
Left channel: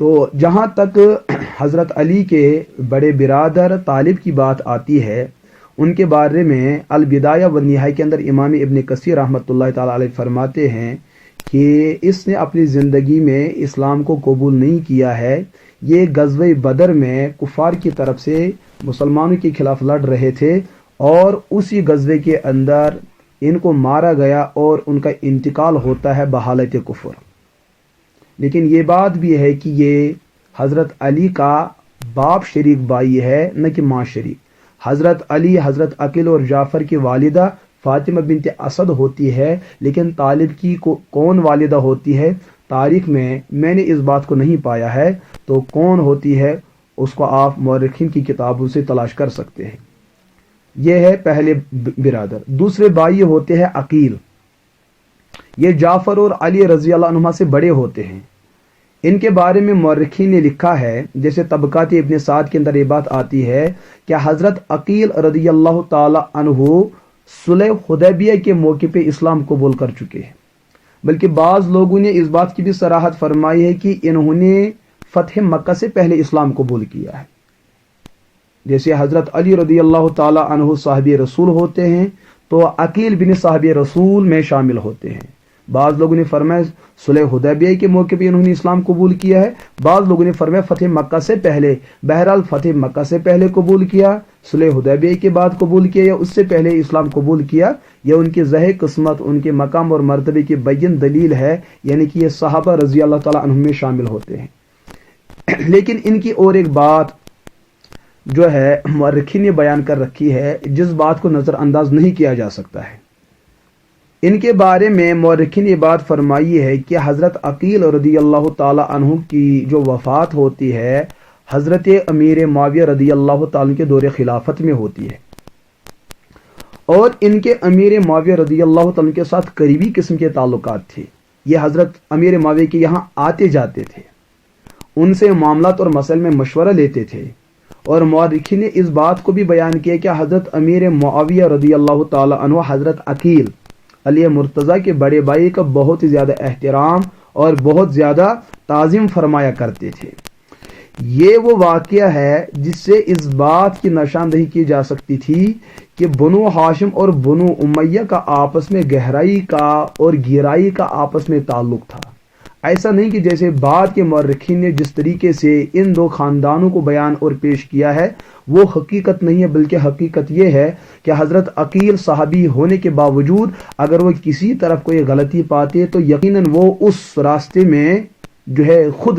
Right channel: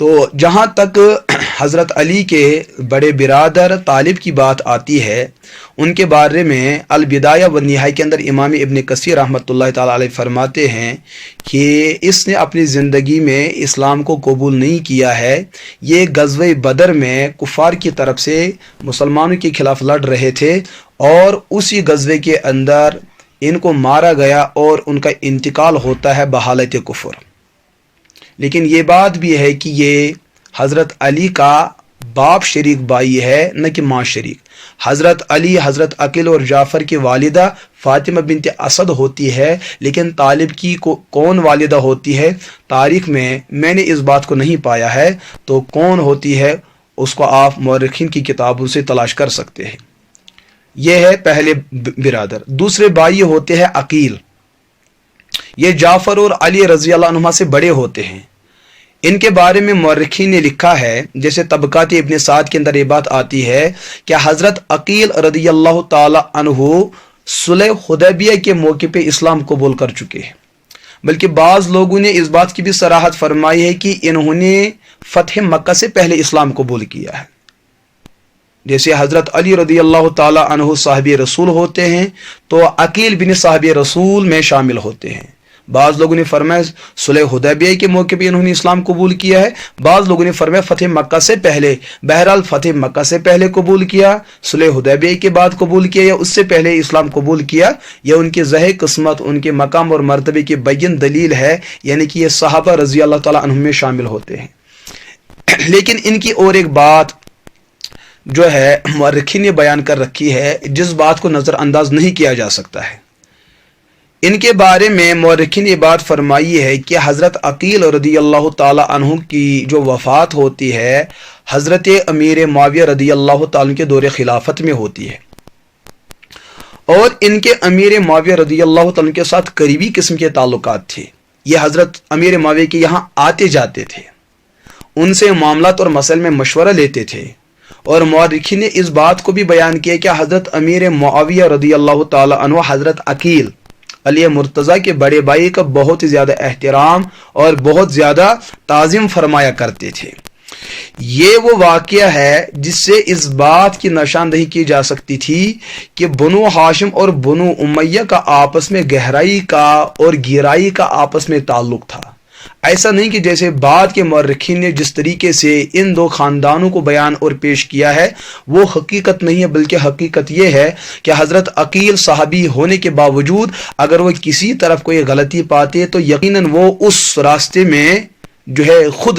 تو جہاں تک حضرت علی کے بڑے برادر طالب کی بات آتی ہے، ان کے بارے میں البدایہ و نہایہ کے اندر امام ابن کثیر رحمۃ اللہ تعالی علیہ فرماتے ہیں کہ اس نے اپنی زندگی میں اسلام کو قبول نہیں کیا ہے۔ یہ غزوہ بدر میں کفار کی طرف سے مسلمانوں کے خلاف لڑ رہے تھے، اور اسی غزوے کے اندر ان کو مارا گیا اور ان کا انتقال ہوتا ہے بحالت کفر۔ لیکن یہ بات بھی ہے کہ یہ حضرت علی کا باپ شریک بھائی ہے، نہ کہ ماں شریک۔ حضرت علی، حضرت عقیل اور جعفر کی والدہ فاطمہ بنت اسد ہوتی ہے، لیکن طالب کی کون والدہ ہوتی ہے تاریخ میں نے اس بات کو نہیں پایا ہے، تو کون ہوتی ہے اس کو آپ مورخین کی کتابوں سے تلاش کر سکتے ہیں۔ یہ ہے پہلے برادر۔ دوسرے بھائی ہوتے ہیں عقیل، یہ جعفر اور علی رضی اللہ عنہما سے بڑے ہوتے ہیں۔ ان کے بارے میں مورخین نے لکھا ہے، جیسے طبقات ابن سعد کے اندر یہ بات آتی ہے کہ حضرت عقیل رضی اللہ تعالی عنہ صلح حدیبیہ کے موقع پہ اسلام قبول کر چکے ہیں، بلکہ بعض لوگوں نے اس بات کی بھی صراحت فرمائی ہے کہ انہوں نے فتح مکہ سے پہلے اسلام قبول کیا ہے۔ جیسے حضرت علی رضی اللہ تعالی عنہ صحابی رسول ہوتے ہیں، تو عقیل بن صحابی رسول میں شامل ہوتے ہیں۔ بعض لوگوں نے فرمایا صلح حدیبیہ کے موقع پہ انہوں نے اسلام قبول کیا ہے، بعض لوگوں نے فرمایا فتح مکہ سے پہلے۔ بہرحال فتح مکہ سے پہلے قبول کیا، صلح حدیبیہ کے بعد قبول کیا، یا اس سے پہلے اسلام قبول کیا، یا ان کی ذہ قسمت، ان کے مقام اور مرتبے کی بین دلیل ہے، یعنی کہ یہ صحابہ رضی اللہ تعالیٰ عنہم میں شامل ہوتے ہیں۔ لیکن ان کی اور ایک بات جو ہے مورخین نے بیان کر رکھی ہے، جس بات کو نظر انداز نہیں کیا جا سکتا ہے۔ ان کے بارے میں مورخین نے بات فرمائی ہے کہ حضرت عقیل رضی اللہ تعالی عنہ کی جو وفات ہوتی ہے حضرت امیر معاویہ رضی اللہ تعالی کے دور خلافت میں ہوتی ہے، اور ان کے امیر معاویہ رضی اللہ تعالی کے ساتھ قریبی قسم کے تعلقات تھے۔ یہ حضرت امیر معاویہ کے یہاں آتے جاتے تھے، ان سے معاملات اور مسائل میں مشورہ لیتے تھے، اور مورخین نے اس بات کو بھی بیان کیا کہ حضرت امیر معاویہ رضی اللہ تعالی عنہ حضرت عقیل علی مرتضیٰ کے بڑے بھائی کا بہت زیادہ احترام اور بہت زیادہ تعظیم فرمایا کرتے تھے۔ یہ وہ واقعہ ہے جس سے اس بات کی نشاندہی کی جا سکتی تھی کہ بنو ہاشم اور بنو امیہ کا آپس میں گہرائی کا اور گہرائی کا آپس میں تعلق تھا۔ ایسا نہیں کہ جیسے بعد کے مورخین نے جس طریقے سے ان دو خاندانوں کو بیان اور پیش کیا ہے وہ حقیقت نہیں ہے، بلکہ حقیقت یہ ہے کہ حضرت عقیل صحابی ہونے کے باوجود اگر وہ کسی طرف کوئی غلطی پاتے تو یقیناً وہ اس راستے میں جو ہے خود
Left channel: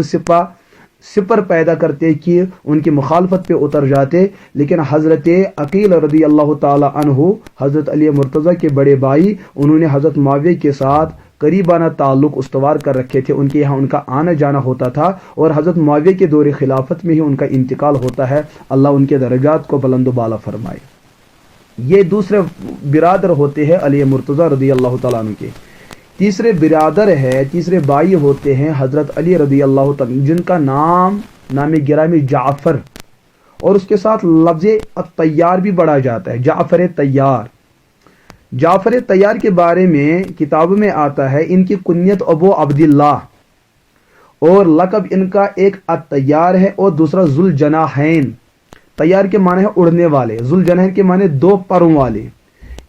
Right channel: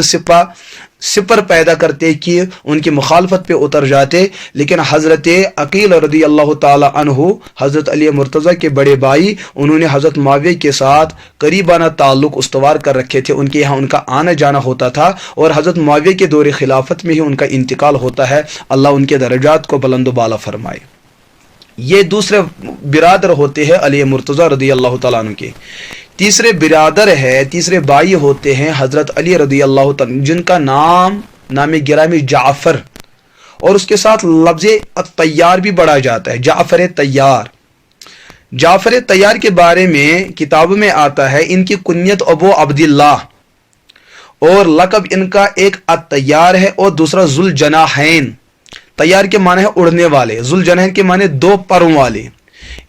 سپر پیدا کرتے کہ ان کی مخالفت پہ اتر جاتے۔ لیکن حضرت عقیل رضی اللہ تعالی عنہ حضرت علی مرتضیٰ کے بڑے بھائی، انہوں نے حضرت معاویہ کے ساتھ قریبانہ تعلق استوار کر رکھے تھے، ان کے یہاں ان کا آنا جانا ہوتا تھا، اور حضرت معاویہ کے دور خلافت میں ہی ان کا انتقال ہوتا ہے۔ اللہ ان کے درجات کو بلند و بالا فرمائے۔ یہ دوسرے برادر ہوتے ہیں علی مرتضیٰ رضی اللہ تعالیٰ عنہ کے۔ تیسرے برادر ہے، تیسرے بھائی ہوتے ہیں حضرت علی رضی اللہ تعالیٰ جن کا نام گرامی جعفر، اور اس کے ساتھ لفظ الطیار بھی پڑھا جاتا ہے، جعفر طیار۔ جعفر طیار کے بارے میں کتابوں میں آتا ہے ان کی کنیت ابو عبداللہ، اور لقب ان کا ایک الطیار ہے اور دوسرا ذوالجناحین۔ طیار کے معنی ہے اڑنے والے، ذوالجناحین کے معنی دو پروں والے۔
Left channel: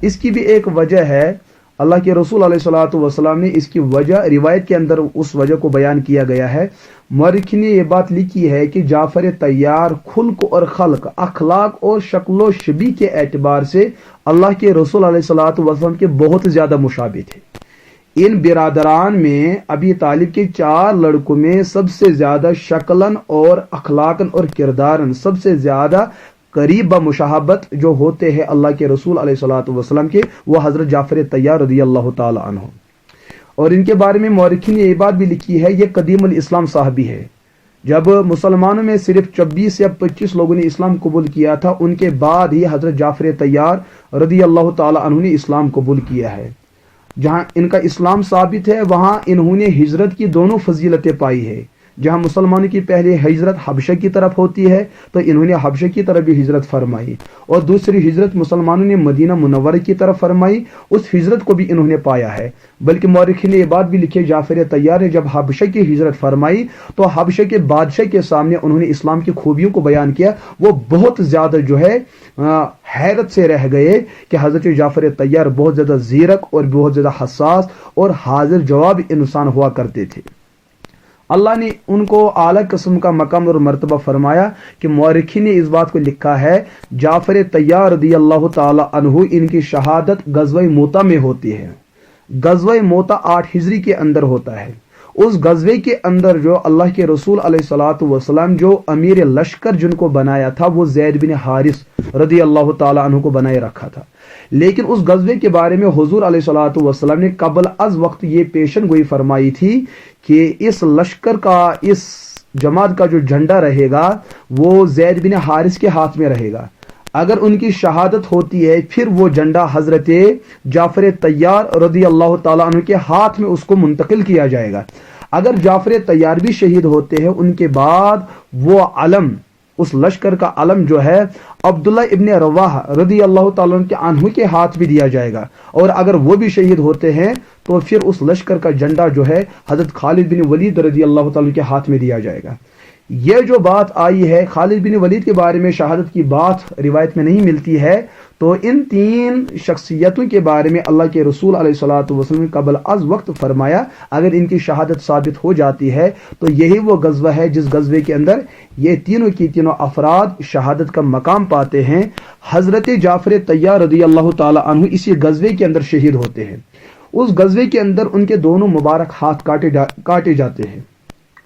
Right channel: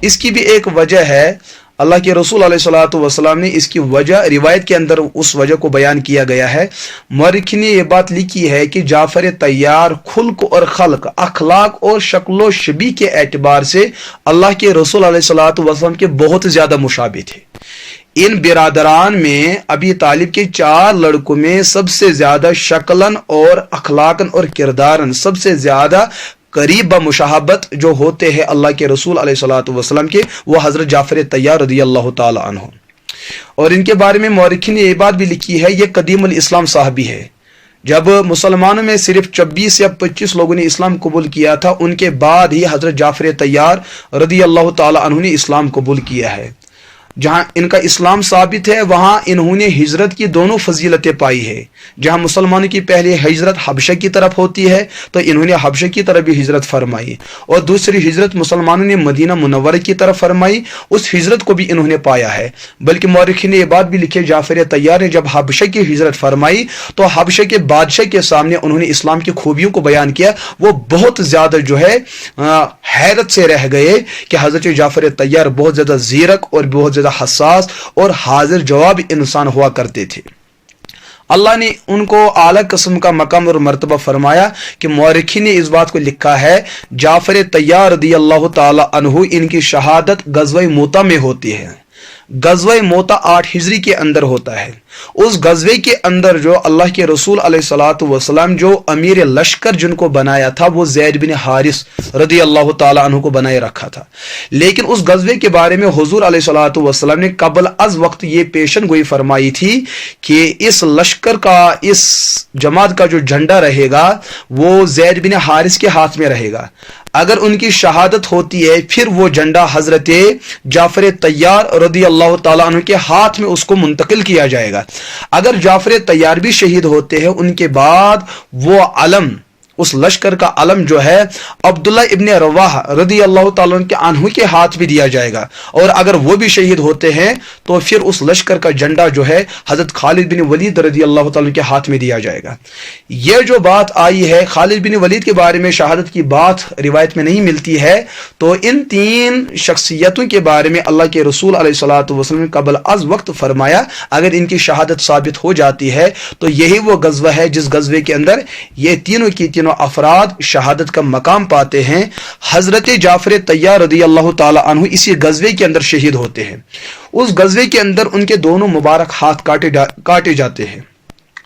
اس کی بھی ایک وجہ ہے، اللہ کے رسول علیہ الصلوۃ والسلام نے اس کی وجہ روایت کے اندر اس وجہ کو بیان کیا گیا ہے۔ مورخین نے یہ بات لکھی ہے کہ جعفر طیار خلق اور خلق، اخلاق اور شکل و شبیہ کے اعتبار سے اللہ کے رسول علیہ الصلوۃ والسلام کے بہت زیادہ مشابہ تھے۔ ان برادران میں ابی طالب کے 4 لڑکوں میں سب سے زیادہ شکلاً اور اخلاقاً اور کرداراً سب سے زیادہ قریب بمشاہبت جو ہوتے ہیں اللہ کے رسول علیہ الصلوۃ والسلام کے، وہ حضرت جعفر طیار رضی اللہ تعالی عنہ۔ اور ان کے بارے میں مورخین نے یہ بات بھی لکھی ہے، یہ قدیم الاسلام صحابی ہے۔ جب مسلمانوں میں صرف 26 یا 25 لوگوں نے اسلام قبول کیا تھا، ان کے بعد ہی حضرت جعفر طیار رضی اللہ تعالی عنہ نے اسلام قبول کیا ہے۔ جہاں ان کا اسلام ثابت ہے وہاں انہوں نے ہجرت کی دونوں فضیلتیں پائی ہے. جہاں مسلمانوں کی پہلی ہجرت حبشہ کی طرف ہوتی ہے تو انہوں نے حبشہ کی طرف بھی ہجرت فرمائی, اور دوسری ہجرت مسلمانوں نے مدینہ منورہ کی طرف فرمائی, اس ہجرت کو بھی انہوں نے پایا ہے. بلکہ مورخین نے یہ بات بھی لکھی, جعفر طیار نے جب حبشہ کی ہجرت فرمائی تو حبشہ کے بادشاہ کے سامنے انہوں نے اسلام کی خوبیوں کو بیان کیا. وہ بہت زیادہ جو ہے حیرت سے رہ گئے کہ حضرت جعفر طیار بہت زیادہ زیرک اور بہت زیادہ حساس اور حاضر جواب انسان ہوا کرتے تھے. اللہ نے ان کو اعلیٰ قسم کا مقام اور مرتبہ فرمایا کہ مورخین نے اس بات کو لکھا ہے جعفر طیار رضی اللہ تعالی عنہ ان کی شہادت غزوہ موتا میں ہوتی ہے. غزوہ موتا 8 ہجری کے اندر ہوتا ہے. اس غزوے کے اندر جو اللہ کے رسول علیہ الصلوۃ والسلام جو امیر لشکر جن کو بنایا تھا وہ زید بن حارث رضی اللہ تعالی عنہ کو بنائے رکھا تھا. لیکن اس غزوے کے بارے میں حضور علیہ الصلوۃ والسلام نے قبل از وقت یہ پیشن گوئی فرمائی تھی کہ اس لشکر کا, اس جماعت کا جو جھنڈا رہے گا وہ زید بن حارث کے ہاتھ میں رہے گا. اگر ان کی شہادت ہوتی ہے پھر وہ جھنڈا حضرت جعفر طیار رضی اللہ تعالیٰ عنہ کے ہاتھ میں اس کو منتقل کیا جائے گا. اگر جعفر طیار بھی شہید ہوتے ہیں ان کے بعد وہ علم, اس لشکر کا علم جو ہے عبداللہ ابن رواحہ رضی اللہ تعالیٰ عنہ کے ہاتھ بھی دیا جائے گا. اور اگر وہ بھی شہید ہوتے ہیں تو پھر اس لشکر کا جھنڈا جو ہے حضرت خالد بن ولید رضی اللہ تعالیٰ کے ہاتھ میں دیا جائے گا. یہ جو بات آئی ہے خالد بن ولید کے بارے میں شہادت کی بات روایت میں نہیں ملتی ہے, تو ان 3 شخصیتوں کے بارے میں اللہ کے رسول علیہ الصلوۃ والسلام نے قبل از وقت فرمایا اگر ان کی شہادت ثابت ہو جاتی ہے تو یہی وہ غزوہ ہے جس غزوے کے اندر یہ تینوں کی تینوں افراد شہادت کا مقام پاتے ہیں. حضرت جعفر طیار رضی اللہ تعالی عنہ اسی غزوے کے اندر شہید ہوتے ہیں. اس غزوے کے اندر ان کے دونوں مبارک ہاتھ کاٹے جاتے ہیں,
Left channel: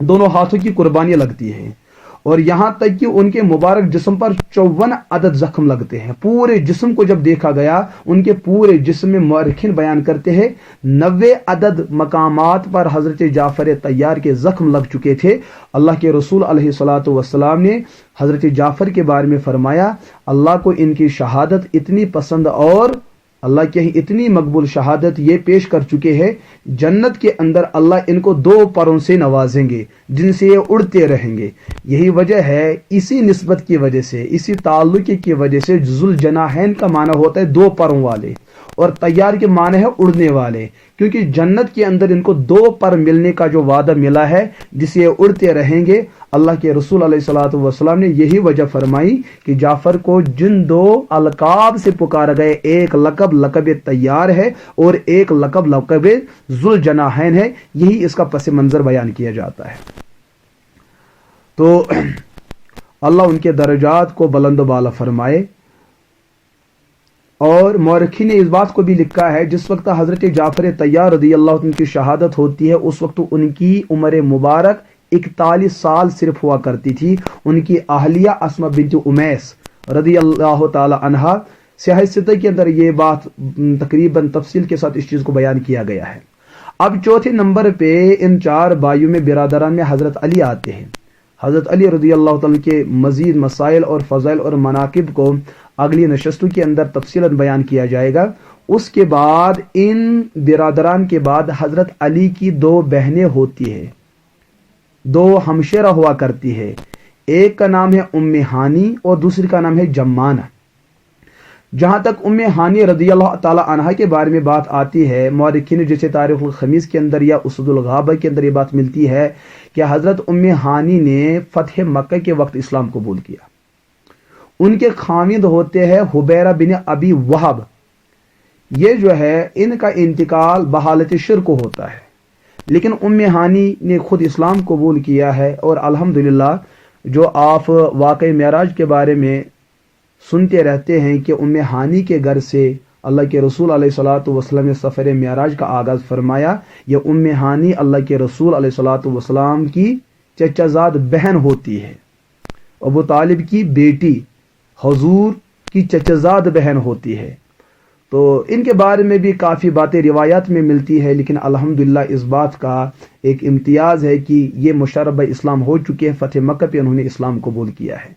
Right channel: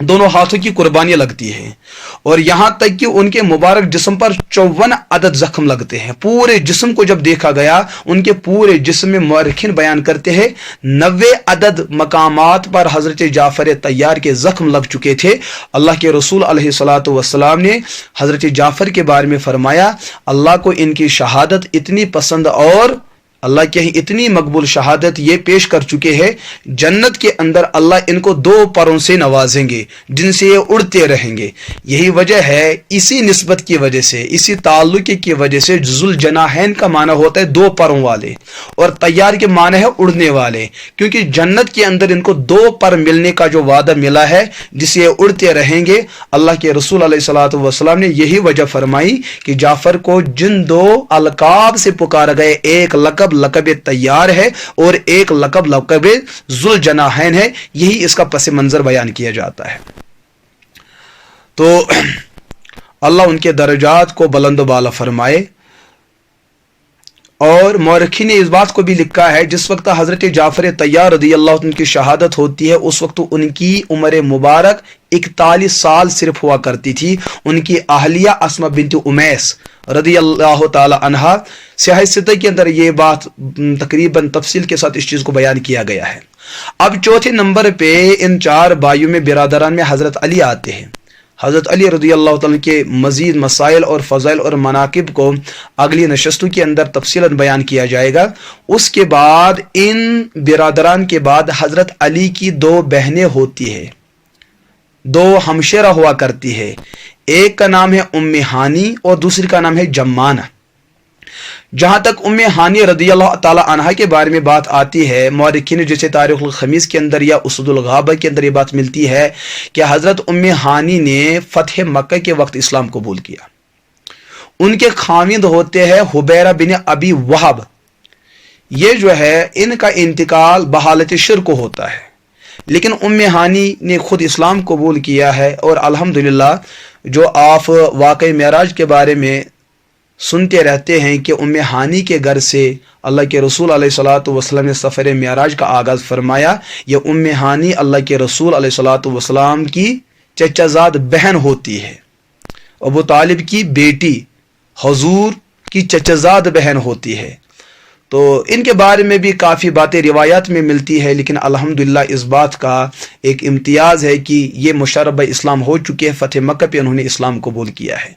دونوں ہاتھوں کی قربانیاں لگتی ہیں, اور یہاں تک کہ ان کے مبارک جسم پر 54 عدد زخم لگتے ہیں. پورے جسم کو جب دیکھا گیا ان کے پورے جسم میں مورخین بیان کرتے ہیں 90 عدد مقامات پر حضرت جعفر طیار کے زخم لگ چکے تھے. اللہ کے رسول علیہ الصلوۃ والسلام نے حضرت جعفر کے بارے میں فرمایا اللہ کو ان کی شہادت اتنی پسند اور اللہ کے ہی اتنی مقبول شہادت یہ پیش کر چکے ہیں, جنت کے اندر اللہ ان کو 2 پروں سے نوازیں گے جن سے یہ اڑتے رہیں گے. یہی وجہ ہے, اسی نسبت کی وجہ سے, اسی تعلق کی وجہ سے ذوالجناحین کا معنی ہوتا ہے 2 پروں والے, اور طیار کے معنی ہے اڑنے والے, کیونکہ جنت کے اندر ان کو 2 پر ملنے کا جو وعدہ ملا ہے جس سے یہ اڑتے رہیں گے. اللہ کے رسول علیہ الصلوۃ والسلام نے یہی وجہ فرمائی کہ جعفر کو جن 2 القاب سے پکارا گئے, ایک لقب طیار ہے اور ایک لقب ذوالجناحین ہے, یہی اس کا پس منظر بیان کیا جاتا ہے. تو اللہ ان کے درجات کو بلند و بالا فرمائے. اور مورخین نے اس بات کو بھی لکھا ہے جس وقت حضرت جعفر طیار رضی اللہ عنہ کی شہادت ہوتی ہے اس وقت ان کی عمر مبارک 41 سال صرف ہوا کرتی تھی. ان کی اہلیہ اسماء بنت امیس رضی اللہ تعالی عنہا سیاہ ستہ کے اندر یہ بات تقریباً تفصیل کے ساتھ اس چیز کو بیان کیا گیا ہے. اب چوتھے نمبر پہ ان 4 بھائیوں میں برادران میں حضرت علی آتے ہیں. حضرت علی رضی اللہ تعالیٰ کے مزید مسائل اور فضائل اور مناقب کو اگلی نشستوں کے اندر تفصیلاً بیان کیا جائے گا. اس کے بعد ان برادران کے بعد حضرت علی کی 2 بہنیں ہوتی ہے, 2 ہمشیرہ ہوا کرتی ہے. ایک کا نام ہے ام ہانی اور دوسری کا نام ہے جمانہ. جہاں تک ام ہانی رضی اللہ تعالی عنہا کے بارے میں بات آتی ہے, مورخین جیسے تاریخ الخمیس کے اندر یا اسد الغابہ کے اندر یہ بات ملتی ہے کہ حضرت ام ہانی نے فتح مکہ کے وقت اسلام قبول کیا. ان کے خاوند ہوتے ہیں حبیرہ بن ابی وہب. یہ جو ہے ان کا انتقال بحالت شرک ہوتا ہے, لیکن ام ہانی نے خود اسلام قبول کیا ہے. اور الحمدللہ جو آپ واقعہ معراج کے بارے میں سنتے رہتے ہیں کہ ام ہانی کے گھر سے اللہ کے رسول علیہ الصلوۃ والسلام نے سفر معراج کا آغاز فرمایا. یہ ام ہانی اللہ کے رسول علیہ الصلوۃ والسلام کی چچا زاد بہن ہوتی ہے, ابو طالب کی بیٹی, حضور کی چچا زاد بہن ہوتی ہے. تو ان کے بارے میں بھی کافی باتیں روایات میں ملتی ہے, لیکن الحمدللہ اس بات کا ایک امتیاز ہے کہ یہ مشرب اسلام ہو چکے ہیں, فتح مکہ پہ انہوں نے اسلام قبول کیا ہے.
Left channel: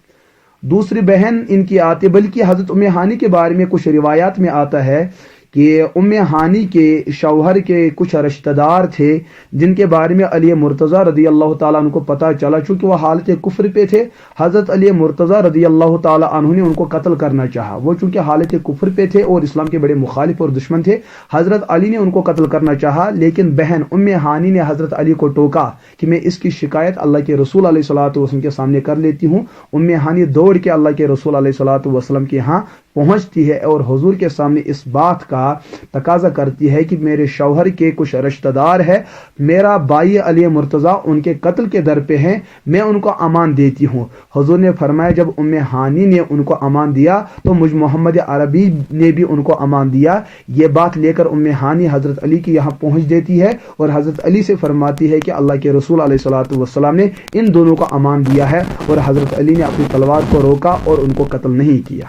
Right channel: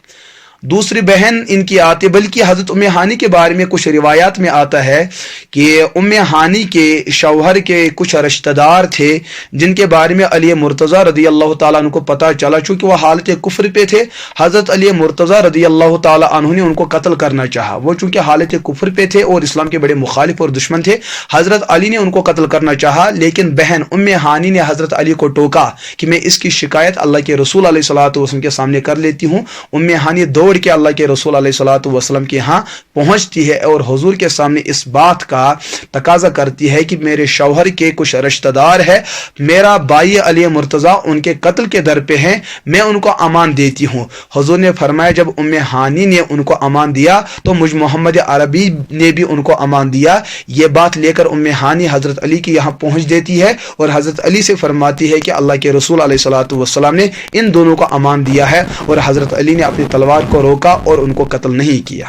دوسری بہن ان کی آتی، بلکہ حضرت ام ہانی کے بارے میں کچھ روایات میں آتا ہے کہ ام ہانی کے شوہر کے کچھ رشتہ دار تھے جن کے بارے میں علی مرتضیٰ رضی اللہ تعالیٰ عنہ کو پتہ چلا، چونکہ وہ حالت کفر پہ تھے۔ حضرت علی مرتضیٰ رضی اللہ تعالیٰ عنہ نے ان کو قتل کرنا چاہا، وہ چونکہ حالت کفر پہ تھے اور اسلام کے بڑے مخالف اور دشمن تھے، حضرت علی نے ان کو قتل کرنا چاہا، لیکن بہن ام ہانی نے حضرت علی کو ٹوکا کہ میں اس کی شکایت اللہ کے رسول علیہ الصلوۃ والسلام کے سامنے کر لیتی ہوں۔ ام ہانی دوڑ کے اللہ کے رسول علیہ الصلوۃ والسلام کے ہاں پہنچتی ہے اور حضور کے سامنے اس بات کا تقاضا کرتی ہے کہ میرے شوہر کے کچھ رشتہ دار ہے، میرا بھائی علی مرتضیٰ ان کے قتل کے در پہ ہیں، میں ان کو امان دیتی ہوں۔ حضور نے فرمایا جب ام ہانی نے ان کو امان دیا تو مجھ محمد عربی نے بھی ان کو امان دیا۔ یہ بات لے کر ام ہانی حضرت علی کے یہاں پہنچ دیتی ہے اور حضرت علی سے فرماتی ہے کہ اللہ کے رسول علیہ الصلوۃ والسلام نے ان دونوں کو امان دیا ہے، اور حضرت علی نے اپنی تلوار کو روکا اور ان کو قتل نہیں کیا۔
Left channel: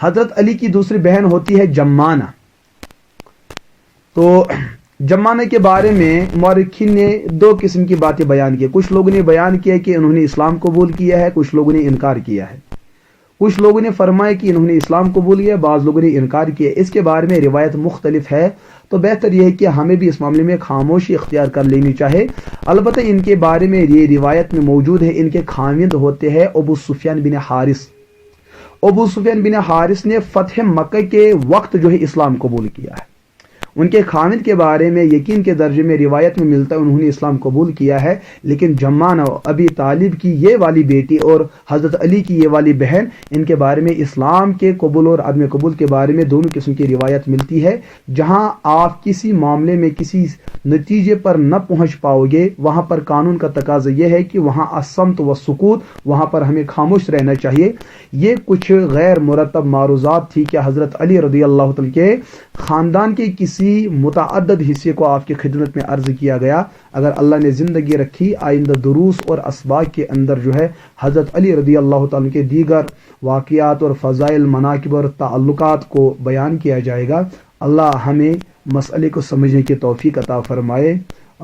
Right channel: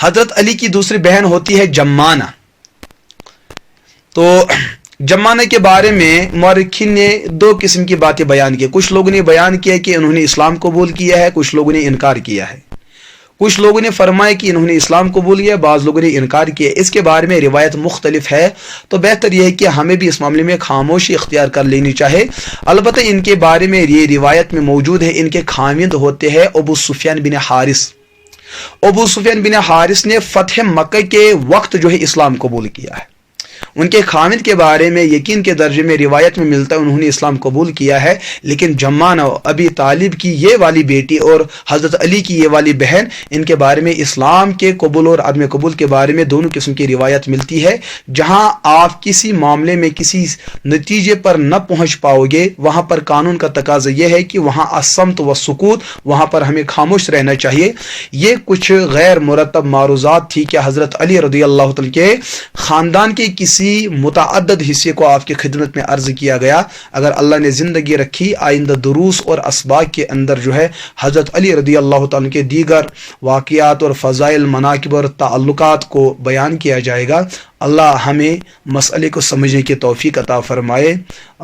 حضرت علی کی دوسری بہن ہوتی ہے جمانہ۔ تو جمانہ کے بارے میں مورخین نے دو قسم کی باتیں بیان کی۔ کچھ لوگوں نے بیان کیا کہ انہوں نے اسلام قبول کیا ہے، کچھ لوگوں نے انکار کیا ہے۔ کچھ لوگوں نے فرمایا کہ انہوں نے اسلام قبول کیا، بعض لوگوں نے انکار کیا۔ اس کے بارے میں روایت مختلف ہے، تو بہتر یہ ہے کہ ہمیں بھی اس معاملے میں خاموشی اختیار کر لینی چاہے۔ البتہ ان کے بارے میں یہ روایت میں موجود ہے، ان کے خاوند ہوتے ہیں ابو سفیان بن حارث۔ ابو سفیان بن حارث نے فتح مکہ کے وقت جو ہے اسلام قبول کیا ہے۔ ان کے خاوند کے بارے میں یقین کے درجے میں روایت میں ملتا ہے انہوں نے اسلام قبول کیا ہے، لیکن جمانہ ابی طالب کی یہ والی بیٹی اور حضرت علی کی یہ والی بہن، ان کے بارے میں اسلام کے قبول اور عدم قبول کے بارے میں دونوں قسم کی روایت ملتی ہے۔ جہاں آپ کسی معاملے میں کسی نتیجے پر نہ پہنچ پاؤ گے، وہاں پر قانون کا تقاضا یہ ہے کہ وہاں الصمت و سکوت، وہاں پر ہمیں خاموش رہنا چاہیے۔ یہ کچھ غیر مرتب معروضات تھی کہ حضرت علی رضی اللہ تعالیٰ کے خاندان کے کسی متعدد حصے کو آپ کی خدمت میں عرض کیا گیا۔ اگر اللہ نے زندگی رکھی آئندہ دروس اور اسباق کے اندر جو ہے حضرت علی رضی اللہ تعالیٰ کے دیگر واقعات اور فضائل، مناقب اور تعلقات کو بیان کیا جائے گا۔ اللہ ہمیں مسئلے کو سمجھنے کی توفیق عطا فرمائے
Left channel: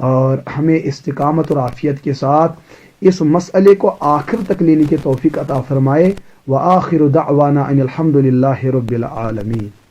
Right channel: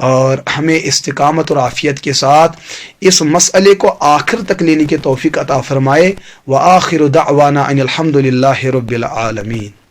اور ہمیں استقامت اور عافیت کے ساتھ اس مسئلے کو آخر تک لینے کی توفیق عطا فرمائے۔ وآخر دعوانا ان الحمد للہ رب العالمین۔